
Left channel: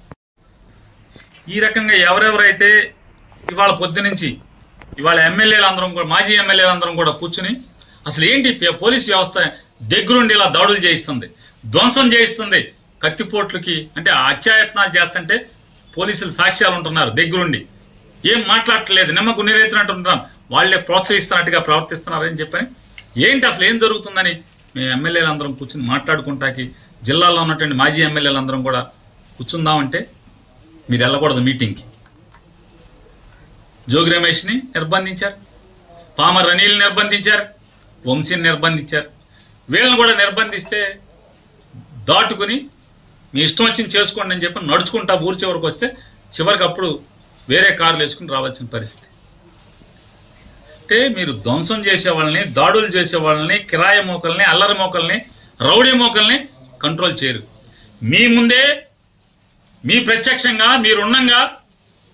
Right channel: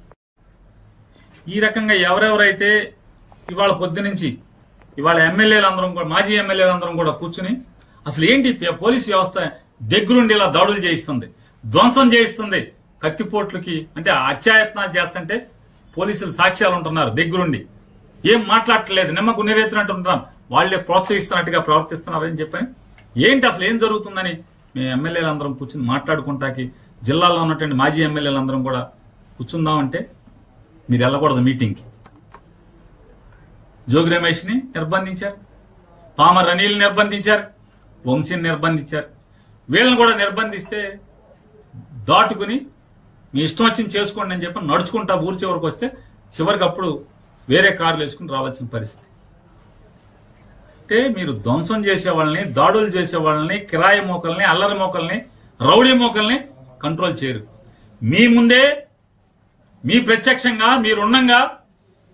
ఈ రకంగా ఎవరెవరైతే ఇవాళ పొద్దునుంచి ఇవాళ ఎమ్మెల్యేలందరం కూడా, మాజీ ఎమ్మెల్యేలందరం కూడా కూర్చుని అసలు ఏంటి పోలీసు వ్యవస్థ దగ్గరుండి ఇలా దాడులు చేయిస్తుంది, ధ్వంసం చేయిస్తుంది, కత్తిపోట్లకి అంటే అత్యాయత్నాలు చేస్తుంటే పోలీసులు సాక్ష్యాలు ఉంటున్నారు, దగ్గరుండి ఏం మాట్లాడట్లేదు, నిమ్మకు నీరెత్తినట్టు ఉంటున్నారు, వాళ్లే ప్రోత్సహిస్తున్నట్టుగా ప్రవర్తిస్తున్నారని చెప్పని, ఏంటి అసలు ఏం జరుగుతుందని మేము ఎమ్మెల్యేలందరం కూర్చుని మాట్లాడుకుంటాకి, జిల్లాలో ఉన్నటువంటి మాజీ ఎమ్మెల్యేలందరం కూడా కూర్చుందామంటే మీరు వెళ్ళకూడదు మీటింగ్కి. జోగి రమేష్ని నిర్బంధించారు, పామర్ అనిల్ని నిర్బంధించారు, వంశీని నిర్బంధించారు. వీళ్ళని కూడా నిర్బంధిస్తే దాటుకుని మీ ఇష్టం వచ్చింది చేసుకోండి అని చెప్పి నడుచుకుంటా ఊరి చివరికి వస్తే, చివరికి అప్పుడు వేరే కార్లు వేసుకుని రావాల్సిన పరిస్థితి. అంటే మీరు ధ్వంసం చేసే వాళ్ళని, దాడులు చేసే వాళ్ళని, కిరాయి మోకల్ని, అల్లరి మోకల్ని, రౌడీ మోకల్ని కంట్రోల్ చేయరు. మీ ముందే మీ ప్రత్యక్షంగా మీరున్నంగా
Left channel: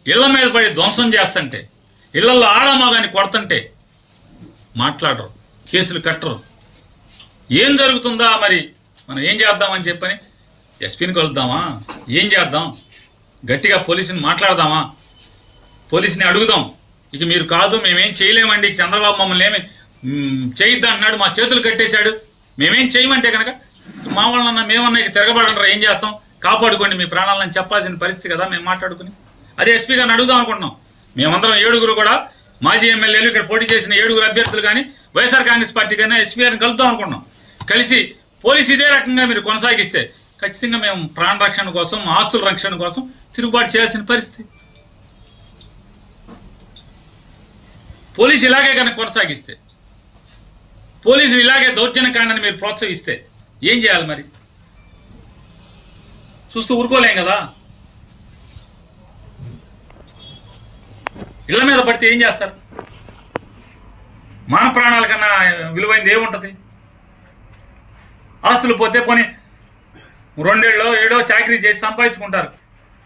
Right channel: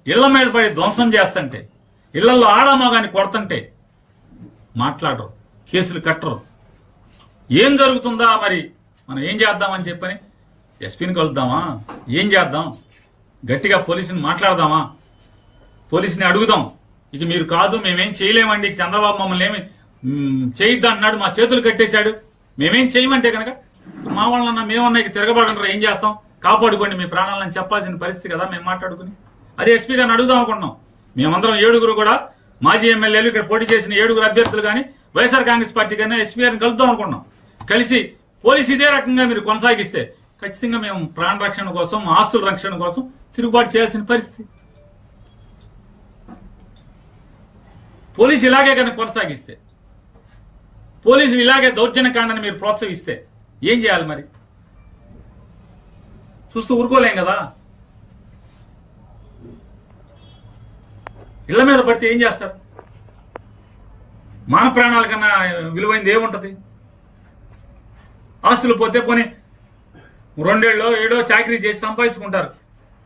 ఇళ్ల మీద పడి ధ్వంసం చేస్తుంటే, ఇళ్లలో ఆడమగాని కొడుతుంటే మాట్లాడరు, కేసులు కట్టరు. ఏం జరుగుతుందా మరి, మనం ఏం చేద్దామని చెప్పని ఎస్పీని కలుద్దామా, ఏం చేద్దాం, గట్టిగా పోలీసుని మాట్లాడదామా, పోలీసుని అడుగుదాం, ఇక మీరు కాదు మేమేం చేయలేమండి, చంద్రబాబు మమ్మల్ని ఏమి చేయొద్దు అన్నాడు, మా చేతులు కట్టేశాడు, మేమేం చేయమంటే కనుక మా వాళ్ళన్నా మేమన్నా ఇక తిరగబడంటారు, ఏం చేస్తాం, కాపాడుకోండి మీ ప్రాణాలని చెప్పాల్సిన పరిస్థితి కదా మేము మాట్లాడుకుని. అదే ఎస్పీ గారిని అడుగుదాం అనుకుంటున్నాం. మేమందరం 7 కూడా మాజీ ఎమ్మెల్యేలు, ఇక్కడ పోటీ చేసిన 7 అభ్యర్థులు కానీ, వైఎస్ఆర్ కాంగ్రెస్ పార్టీ కానీ ఎస్పీ గారిని కలుద్దాం అనుకుంటున్నాం. కలిసి పోలీసు ఇదే రకంగా మీరు కొనసాగిస్తే ఖచ్చితంగా మేము ప్రాణ రక్షణ కోసం, ఆస్తుల రక్షణ కోసం తిరుగుబాటు చేయాల్సిన పరిస్థితి. పోలీసు ఇలాగే కనుక కొనసాగిస్తే, పోలీసులు ఇలాగే దౌర్జన్యకాండని మీరు ప్రోత్సహిస్తే ఏం చేయాలి మరి? చూస్తూ ఊరుకోలేం కదా. ఇళ్ల మీద పడితే ఏం చేస్తారు? మాన ప్రాణాల కన్నా విలువైంది ఏముంటది? ఆస్తులు పోతే పోనీ 2 ఏళ్ళో 7 చాకరీ చేసి సంపాదించుకుంటారు.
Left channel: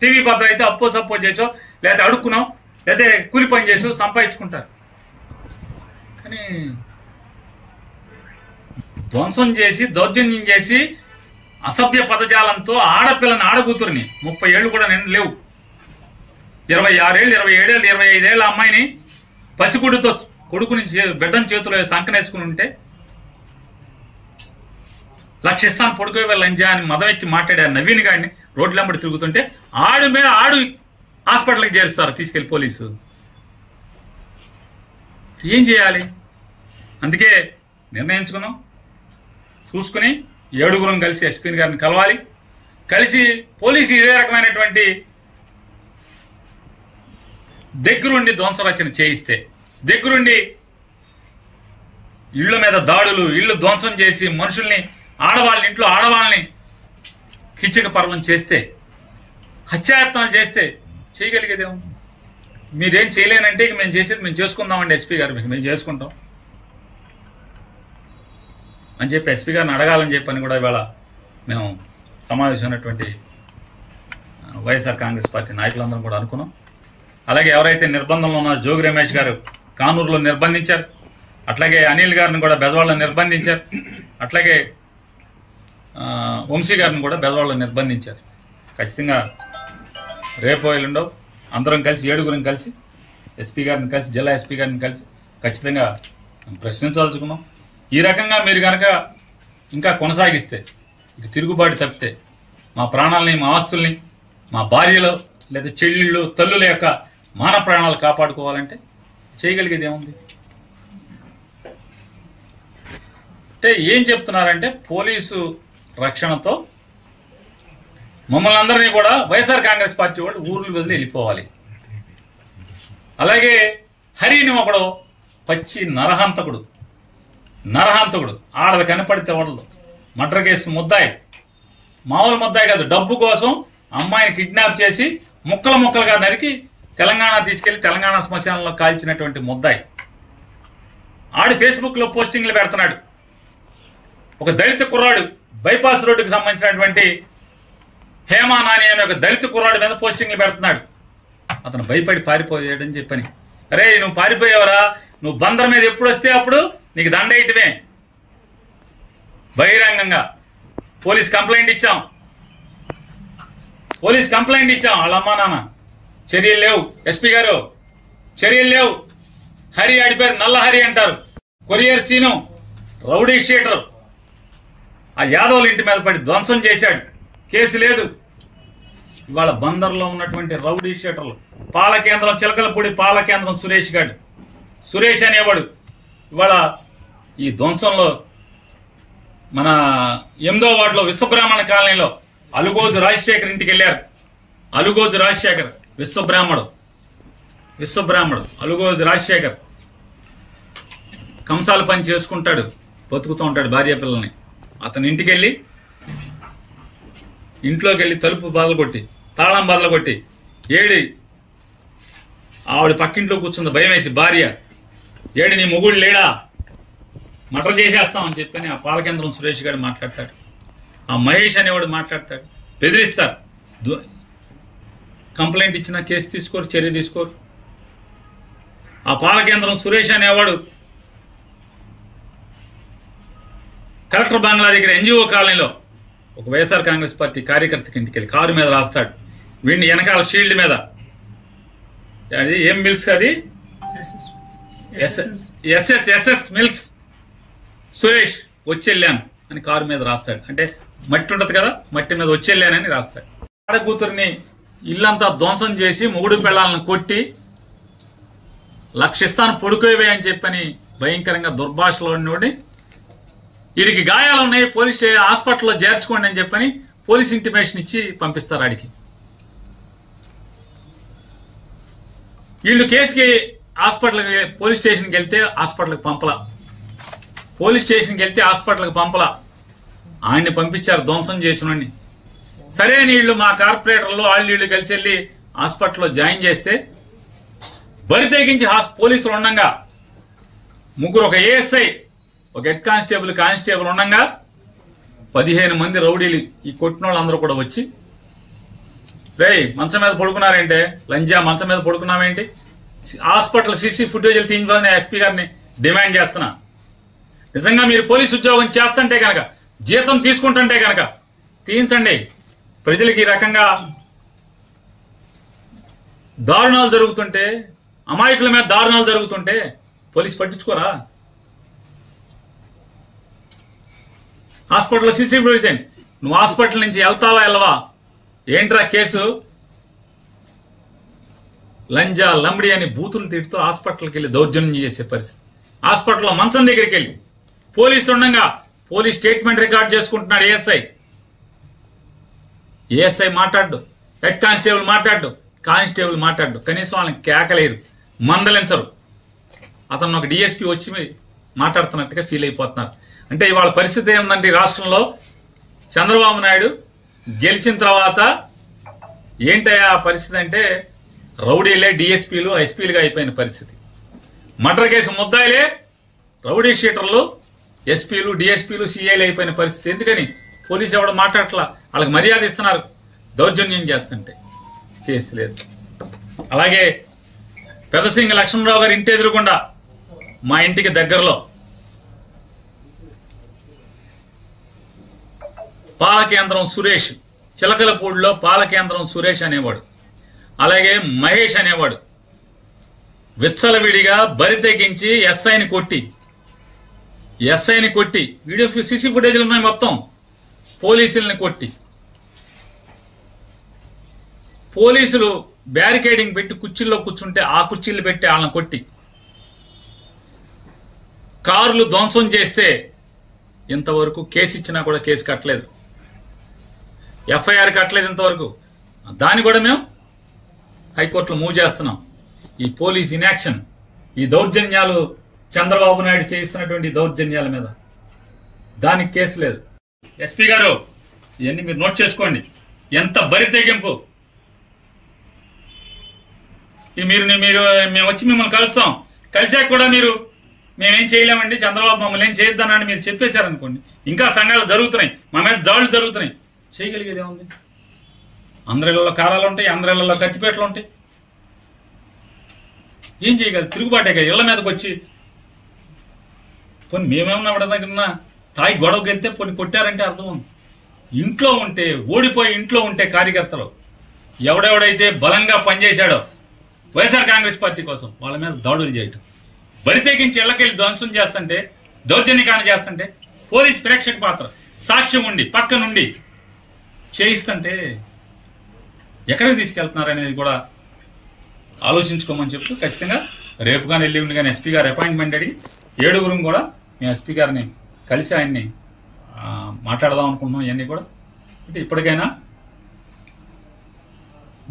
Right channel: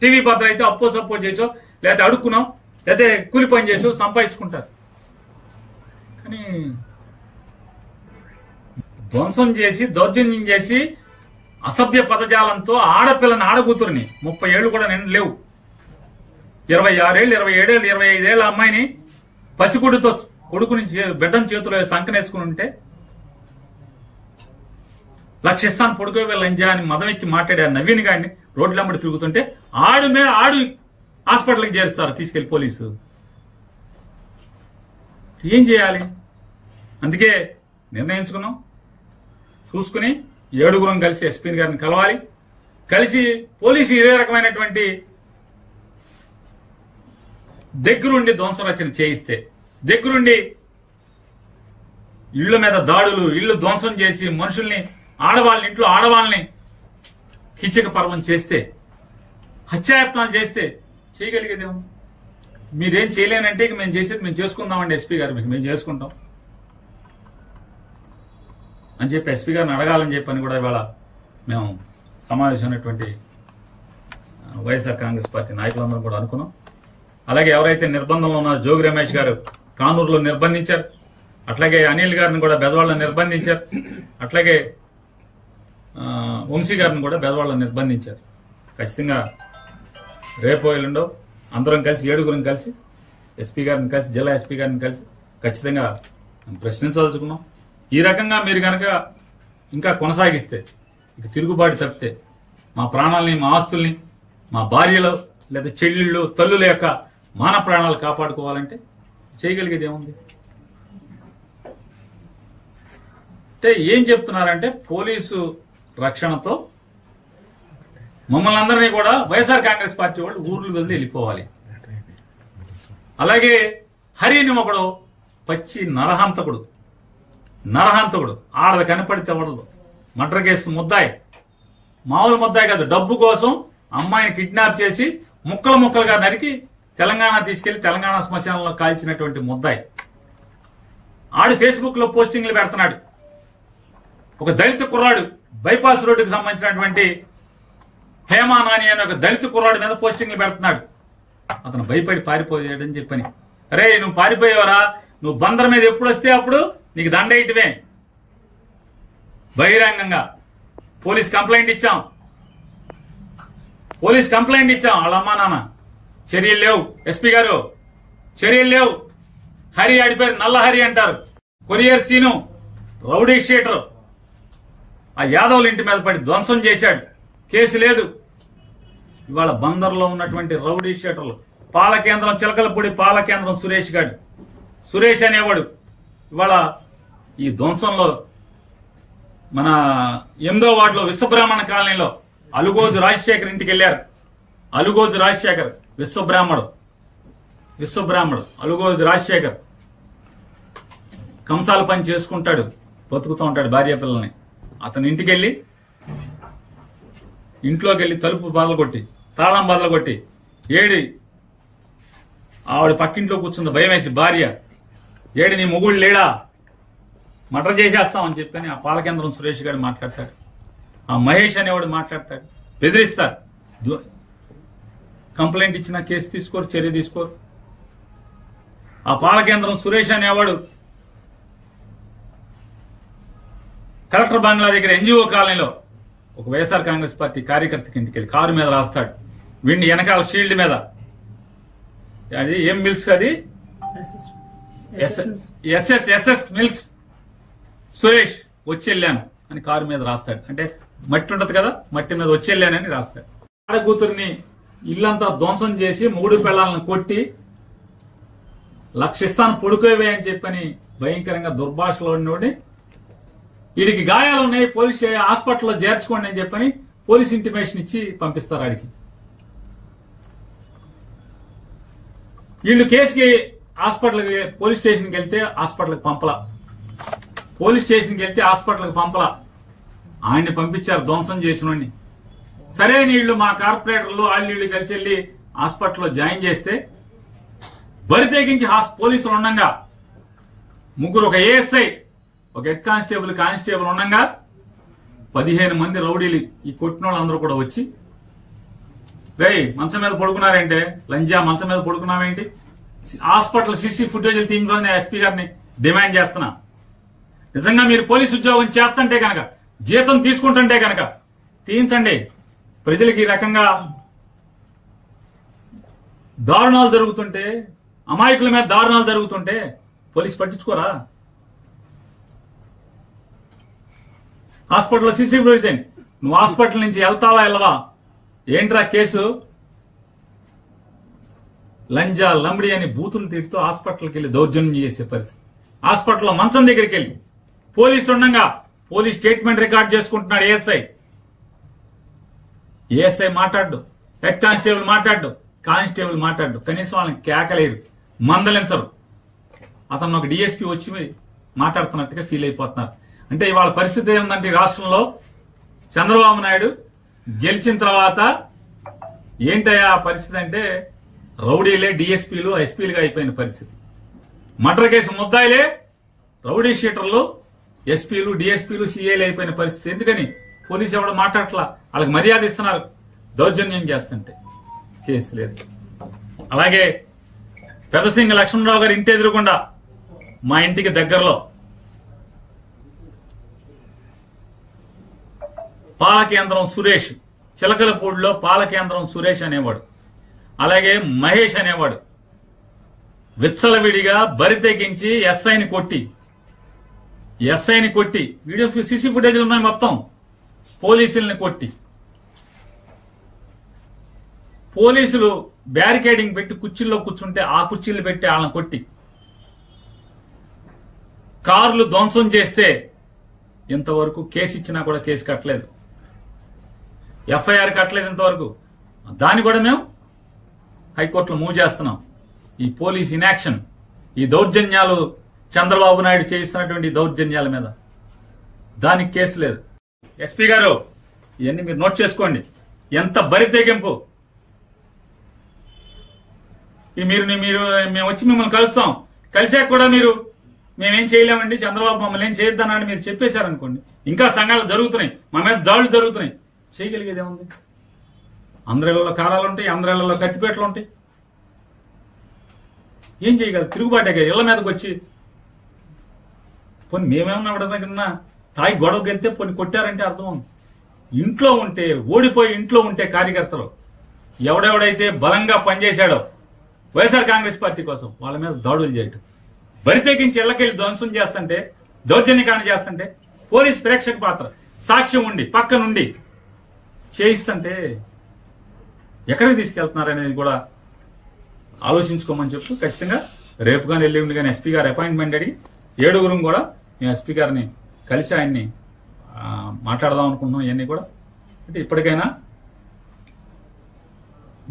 టీవీ పత్ర అయితే అప్పో సప్పో చేసో, లేకపోతే అడుక్కున్నాం, లేకపోతే కూలి పని చేసో సంపాదించుకుంటారు. కానీ ధ్వంసం చేసి, దౌర్జన్యం చేసి, అసభ్య పదజాలంతో ఆడపిల్లని, ఆడకూతురిని 30 ఏళ్లు కూడా నిండు లేవు, 26 ఏళ్ళు, 27 ఏళ్ళు, 25 ఏళ్ళ అమ్మాయిని పసిగుడితో కొడుకుని బిడ్డని చేతిలో సంకనేసుకుని ఉంటే, లక్షిస్తాను పొడుకోవే లంజా అని మదం ఎక్కి మాట్లాడారు నవీన్ గారిని రోడ్లమ్మడి తిరుగుతుంటే, ఆడు హాస్పిటల్కి చేరుస్తారు తీసుకెళ్లి పోలీసు. ఏం చేయాలి? అందుకే నిర్ణయించుకున్నాం, చూసుకుని 7 కలిసి ఎస్పీ గారిని కలవాలి, కలిసి పోలీసు ఇదే రకమైనటువంటి దగ్గరుండి ధ్వంసరచన చేయిస్తే, దగ్గరుండి ఇళ్ల మీద దాడులు, ఇళ్లు ధ్వంసం చేసి మనుషుల్ని, ఆడవాళ్ళని, ఇంట్లో ఆడవాళ్ళని కిచక పర్వం చేస్తే, హత్యాయత్నాలు చేస్తే చేయగలిగేదేమో. మీరేం చేయలేనంటే ఇక మేము చేసేది మేము చేసుకుందామండి ఎస్పీ గారు, మేము చేసుకుంటాం అని చెప్పి ఎస్పీ గారిని అడగాలని చెప్పని కూడా ఇవాళ మేము సమావేశమైనటువంటి వైఎస్ఆర్ కాంగ్రెస్ పార్టీ నాయకులందరం కూడా అనుకున్నాం. అలాగే ఎవరైతే నిర్బంధంలో ఉన్నారో జోగి రమేష్ గారు కానూరులో నిర్బంధించారు, అట్లాగే అనిల్ గారిని కూడా బెదవాళ్ళలో నిర్బంధించారు, అట్లాగే వంశీ గారిని కూడా బెదవాళ్ళలో నిర్బంధించారు. ఖచ్చితంగా రేపు ఎల్లుండో అందరం కలిసి 7 కలిసి ఎస్పీ గారిని కలిసి, జిల్లా ఎస్పీ గారిని కలిసి ఖచ్చితంగా ప్రశ్నించదలుచుకున్నాం. ఈ రకంగా మీరు కనుక ఇంకా కొనసాగిస్తే, ఇక తిరుగుబాటు తప్పితే, మా ప్రాణాలని, మా ఆస్తుల్ని, మా భార్యలు లేదా చెల్లెళ్ళు, తల్లుల యొక్క మాన ప్రాణాలు కాపాడుకోవాలంటే చేయగలిగేది ఏముంది? అంటే ఏం చెప్తున్నారంటే, పోలీసు రక్షణతో మమ్మల్ని అందరినీ కూడా వైఎస్ఆర్ కాంగ్రెస్ పార్టీ వాళ్ళు ఊర్లు వదిలి వెళ్ళిపోవాలి. అలాగే హరిని ఒకడు పచ్చి నరహంతకుడు ఆడది కనపడితే వడదు. మర్డర్ కేసు ముద్దాయి, మామూలు ముద్దాయి కాదు. డబ్బు కోసం అమ్మాయిని కిడ్నాప్ చేసి ముక్కలుగా నరికి తెలంగాణ తీసుకెళ్లి తెలంగాణ శ్మశానంలో కాల్చినటువంటి ముద్దాయి. ఆడి ఫేస్బుక్ లో పోస్టింగ్లు పెడుతున్నాడు. ఒక దళిత కుర్రాడు, బైపాస్ రోడ్డుకు సంబంధించినటువంటి హేమా నాని అనే ఒక దళిత కుర్రాడు మీద పోస్టింగ్లు పెడుతున్నాడు. అతను భయపడి పారిపోయాడని చెప్పని. అరే నువ్వు పారిపోయావరా, నువ్వు బందర్ మీద ఎప్పుడు వస్తే అప్పుడు నీకు దండేయటమే. బహిరంగంగా పోలీస్ కంప్లైంట్ ఇచ్చాం. వాళ్ళ అమ్మా నాన్న చర్యలు లేవు. ఎస్పీ గారు చర్యలు లేవు. హరి ఆడిపోయారు, నల్ల హరి అంటారు. కొరియర్ సీను రౌడీ షీటర్ ఆ యాదవుల ఇంటి మీద పడి ధ్వంసం చేశాడు. కేసు లేదు. ఇవాళ బందర్లో ఉన్నటువంటి రౌడీ షీటర్లు, పాలకేంద్రం చిలకలపూడి పాలకేంద్రం సురేష్ అనేవాడు ఇవాళ ఈ ధ్వంసంలో మన 8వ వార్డులో విశ్వబ్రాహ్మణ కాలనీలో అలుగోజు రాజశేఖర్ ఇంటికి వెళ్ళారు. అలుగోజు రాజశేఖర్ విశ్వబ్రాహ్మడు అలుగోజు రాజశేఖర్ కంసాల పని చేసుకుంటాడు, బతుకుతూ ఉంటాడు భార్య పిల్లల్ని. అతని ఇంట్లోకి వెళ్ళి తలుపు బదలగొట్టి తాళం బదలగొట్టి ఆవిడ పక్కింట్లో కూర్చుంది భయం వేసి భార్య. నీ మొగుడు లేడా, మర్డర్ చేసేస్తామని చెప్పని ఆ పాలకేంద్రం సురేష్ గారు మాట్లాడతాడు. ఆ మహేష్ అనేవాడు మాట్లాడతాడు. బెదిరిస్తారు. కంప్లైంట్ ఇచ్చినా కేసు తీసుకోరు, చర్య తీసుకోరు. ఆ పాలకేంద్రం సురేష్ అనేవాడు కలెక్టర్ బంగ్లా దగ్గర ఎన్జిఓ కాలనీలో ఒక వైఎస్ఆర్ కాంగ్రెస్ పార్టీ కార్యకర్తకి ఇంటికి వెళ్ళి కారు మీద రాస్తాడు. వీడిని వెనకాల షీల్డ్ మీద అది ఏం మిల్క్స్, అది ఎస్ఎస్ మిల్క్స్ సురేష్ వచ్చెళ్ళాను అని కారు మీద రాస్తాడు. అంటే మట్టి ఉంటది కదా, మట్టి మీద వచ్చెళ్ళానని రాస్తాడు. ఆడ కూతురిని ఇల్లంతా ధ్వంసం చేసి 3 పిల్లలను కొట్టి లక్షిస్తాను పొడుకోవే అని చెప్పని భయంకరంగా దుర్భాషలో ఉన్నోడి వీడికి గాయాలున్నాయి, పోలీస్ హాస్పిటల్లో చేర్చుకోండి అని చెప్పని పోలీస్ ఇంటిమేషన్ ఇచ్చి పంపిస్తారు. ఆడికి వీళ్ళు కేసుకి హాస్పిటల్కి పోలీస్ స్టేషన్కి వెళ్తే హాస్పిటల్కి పంపలా. ఆయన్ని పంపించారు ధ్వంసం చేసినోడిని. సరే నీళ్లు మా కార్పొరేటర్లు వాళ్ళు కలిసి వెళ్ళి హాస్పిటల్లో జాయిన్ చేస్తే బరి తెగించి పోలీసులు ఉండగా ముగ్గురు, ఒక ఏఎస్ఐ, ఒక హెడ్ కానిస్టేబుల్ ఉండగా 15 మంది రౌడీలు ఈ కొట్టిన వాళ్ళందరూ కూడా వచ్చి, రేయ్ మంచం మీద పడుకున్నారేంటే, లంజా మంచం మీద పడుకున్నావేంటి, హాస్పిటల్ సీసీ ఫుటేజీలు తీయించాలని ఎస్పీ గారిని డిమాండ్ చేస్తున్నా. నిజంగా మీరు పోలీసు ఉద్యోగం చేస్తుంటే కనుక, జీతం తీసుకుంటుంటే కనుక తీయించండి. ప్రజలకు ఈ రకంగా దారుణాలు జరుగుతుంటే, అమాయకుల మీద దారుణాలు జరుగుతుంటే పోలీసు పట్టించుకోరా? హాస్పిటల్లో సీసీ ఫుటేజ్, నువ్వు హాస్పిటల్ నుంచి వెళ్తావా వెళ్ళవా? ఏంట్రా కేసు? లంజా లంబడి అని బూతులు తిడుతూ హాస్పిటల్కి వెళ్ళి దౌర్జన్యం చేసే పరిస్థితి. హాస్పిటల్లో మంచం దగ్గరికి వెళ్ళి పోలీసు ఉండగా పోలీస్ స్టేట్మెంట్ రికార్డ్ చేసుకుంటున్నాడు ఏఎస్ఐ మాట్లాడు, హెడ్ కానిస్టేబుల్ మాట్లాడు, కనీసం వాళ్ళని కేకలేరు, మందలించరు. అతను ఒక డిఎస్పీ వచ్చి మాట్లాడుతున్నట్టుగా ఫీల్ అయిపోతున్నారు. అంటే ఇవాళ పరిస్థితి ఏముందంటే ఈ రాష్ట్రంలో చంద్రబాబు నాయుడు గెలిచిన తర్వాత ఏంటయ్యా పరిస్థితి అంటే రౌడీలే డిఎస్పీలు ఎస్పీలుగా అయిపోయిన పరిస్థితి. మర్డర్ కేసు ముద్దాయిలే రౌడీ షీటర్లు ఎస్పీలు డిఎస్పీలు సీఐలు అయిపోయిన పరిస్థితి. ఎందుకని? పోలీసు ఎవడు మాట్లాడట్లా, వాళ్ళకి మర్యాద ఇస్తున్నారు. దౌర్జన్యం చేస్తుంటే కేసు లేదు. అలాగే పెదసింగ లక్ష్మణరావు గారి ఇంటి ఎదురుకుండా మా ఇంటికి దగ్గరలో పాలకేంద్రం సురేష్, చిలకలపూడిలో పాలకేంద్రం సురేష్ అనేవాడు, అలాగే మహేష్ అనేవాడు విచ్చలవిడిగా బరి తెగించి ఎస్ఐని కొట్టి వీడియో సీసీ ఫుటేజ్లు ఉన్నాయి మొత్తం, పోలీసుల్ని కొట్టి, పోలీసులు బ్యారికేడింగ్ పెట్టి కుర్చీల్లో కూర్చుంటే ఆ కుర్చీలు పెట్టి వాళ్ళని కొట్టి, కార్లు ధ్వంసం చేస్తే ఇంతవరకు కేసు ఇచ్చినా కూడా కేసు కట్టలేదు, ఎఫ్ఐఆర్ కట్టలేదు ఇంతవరకు. దాన్ని కూడా మేము హైకోర్టులో మూవ్ చేస్తున్నాం. ఈ పోలీస్ ఇన్యాక్షన్ ఈ దౌర్జన్యాలు చంద్రబాబు నాయుడు చేయిస్తున్నటువంటి దౌర్జన్యాల మీద దానికి కేసు లేదు. ఎస్పీ గారు ఇవన్నీ మీరు నోట్ చేసుకోండి. ఎంత బరి తెగింపు. మీరు మేము వచ్చి మిమ్మల్ని కలుస్తాం, కలిసాక కూడా మీరు మేమేం చేయలేమండి, చంద్రబాబు మమ్మల్ని ఏం చేయొద్దన్నాడు మీరు చెప్పేశారనుకోండి, ఇంకా సంఘాలు జరుగుతున్నాయి, మా మీద దాడులు జరుగుతున్నాయి, చేయగలిగేది ఏముంది? అందరిళ్లలో కారాలు ఉంటాయి, అందరిళ్లలో కత్తిపేటలు ఉంటాయి, ఏం చేయగలరు? తిరుగుబాటే కదా. ఇళ్ల మీదకి వచ్చి పోనీ మేమేమన్నా ఎవడన్నా తాయి గొడవకి వెళ్తే పోనీ కొట్టారంటే అర్థం ఉంది. ఇంట్లో ఉంటే, ఓడిపోయి ఇంట్లో ఉంటే కార్యకర్తలు ఎవడెవడైతే బలంగా పనిచేశాడో వైఎస్ఆర్ కాంగ్రెస్ పార్టీ కోసం వాళ్ళ మీద దాడులు చేయటం, బరి తెగించి ఇళ్లకెళ్లి ధ్వంసం చేస్తుంటే, దౌర్జన్యకాండ చేస్తుంటే, పోలీస్ ప్రేక్షక పాత్ర సాక్ష్యం ఉండి పక్క నుండి చేయిస్తుంటే ఎక్కడికి తీసుకెళ్తున్నారనేది కూడా ఆలోచించుకోమని చెప్తూ ఖచ్చితంగా రేపు కానీ ఎల్లుండి కానీ ఎస్పీ గారు అపాయింట్మెంట్ అడిగి 7 కూడా మేము ఎస్పీ గారిని కలిసి ఆయన్ని మాట్లాడదాం అనుకుంటున్నాం. ఇవన్నీ కూడా అంటే ఇప్పటికైనా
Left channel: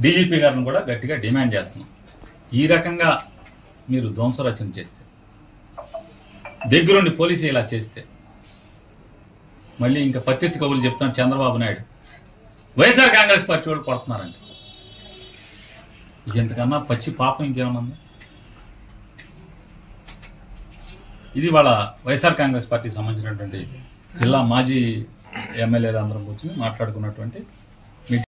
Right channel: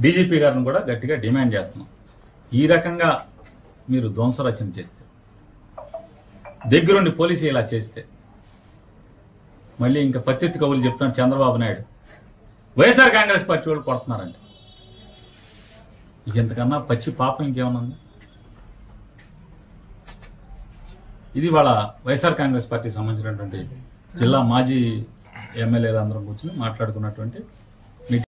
డీజీపీ గారిని కూడా గట్టిగా డిమాండ్ చేస్తున్నాం. ఈ రకంగా మీరు ధ్వంసరచన చేస్తే, దగ్గరుండి పోలీసు ఇలా చేస్తే, మళ్ళీ ఇంకా పత్తిత్తి కబుర్లు చెప్తాను చంద్రబాబు నాయుడు వైఎస్ఆర్ కాంగ్రెస్ పార్టీ వాళ్ళు కొడుతున్నారంటే ఇంతకన్నా పచ్చి పాపం ఇంకేమన్నా ఉంది? ఇది వాళ్ళ వైఎస్ఆర్ కాంగ్రెస్ పార్టీకి సంబంధించినటువంటి జిల్లా మాజీ ఎమ్మెల్యేలు అందరం కూర్చొని మాట్లాడుకున్నటువంటి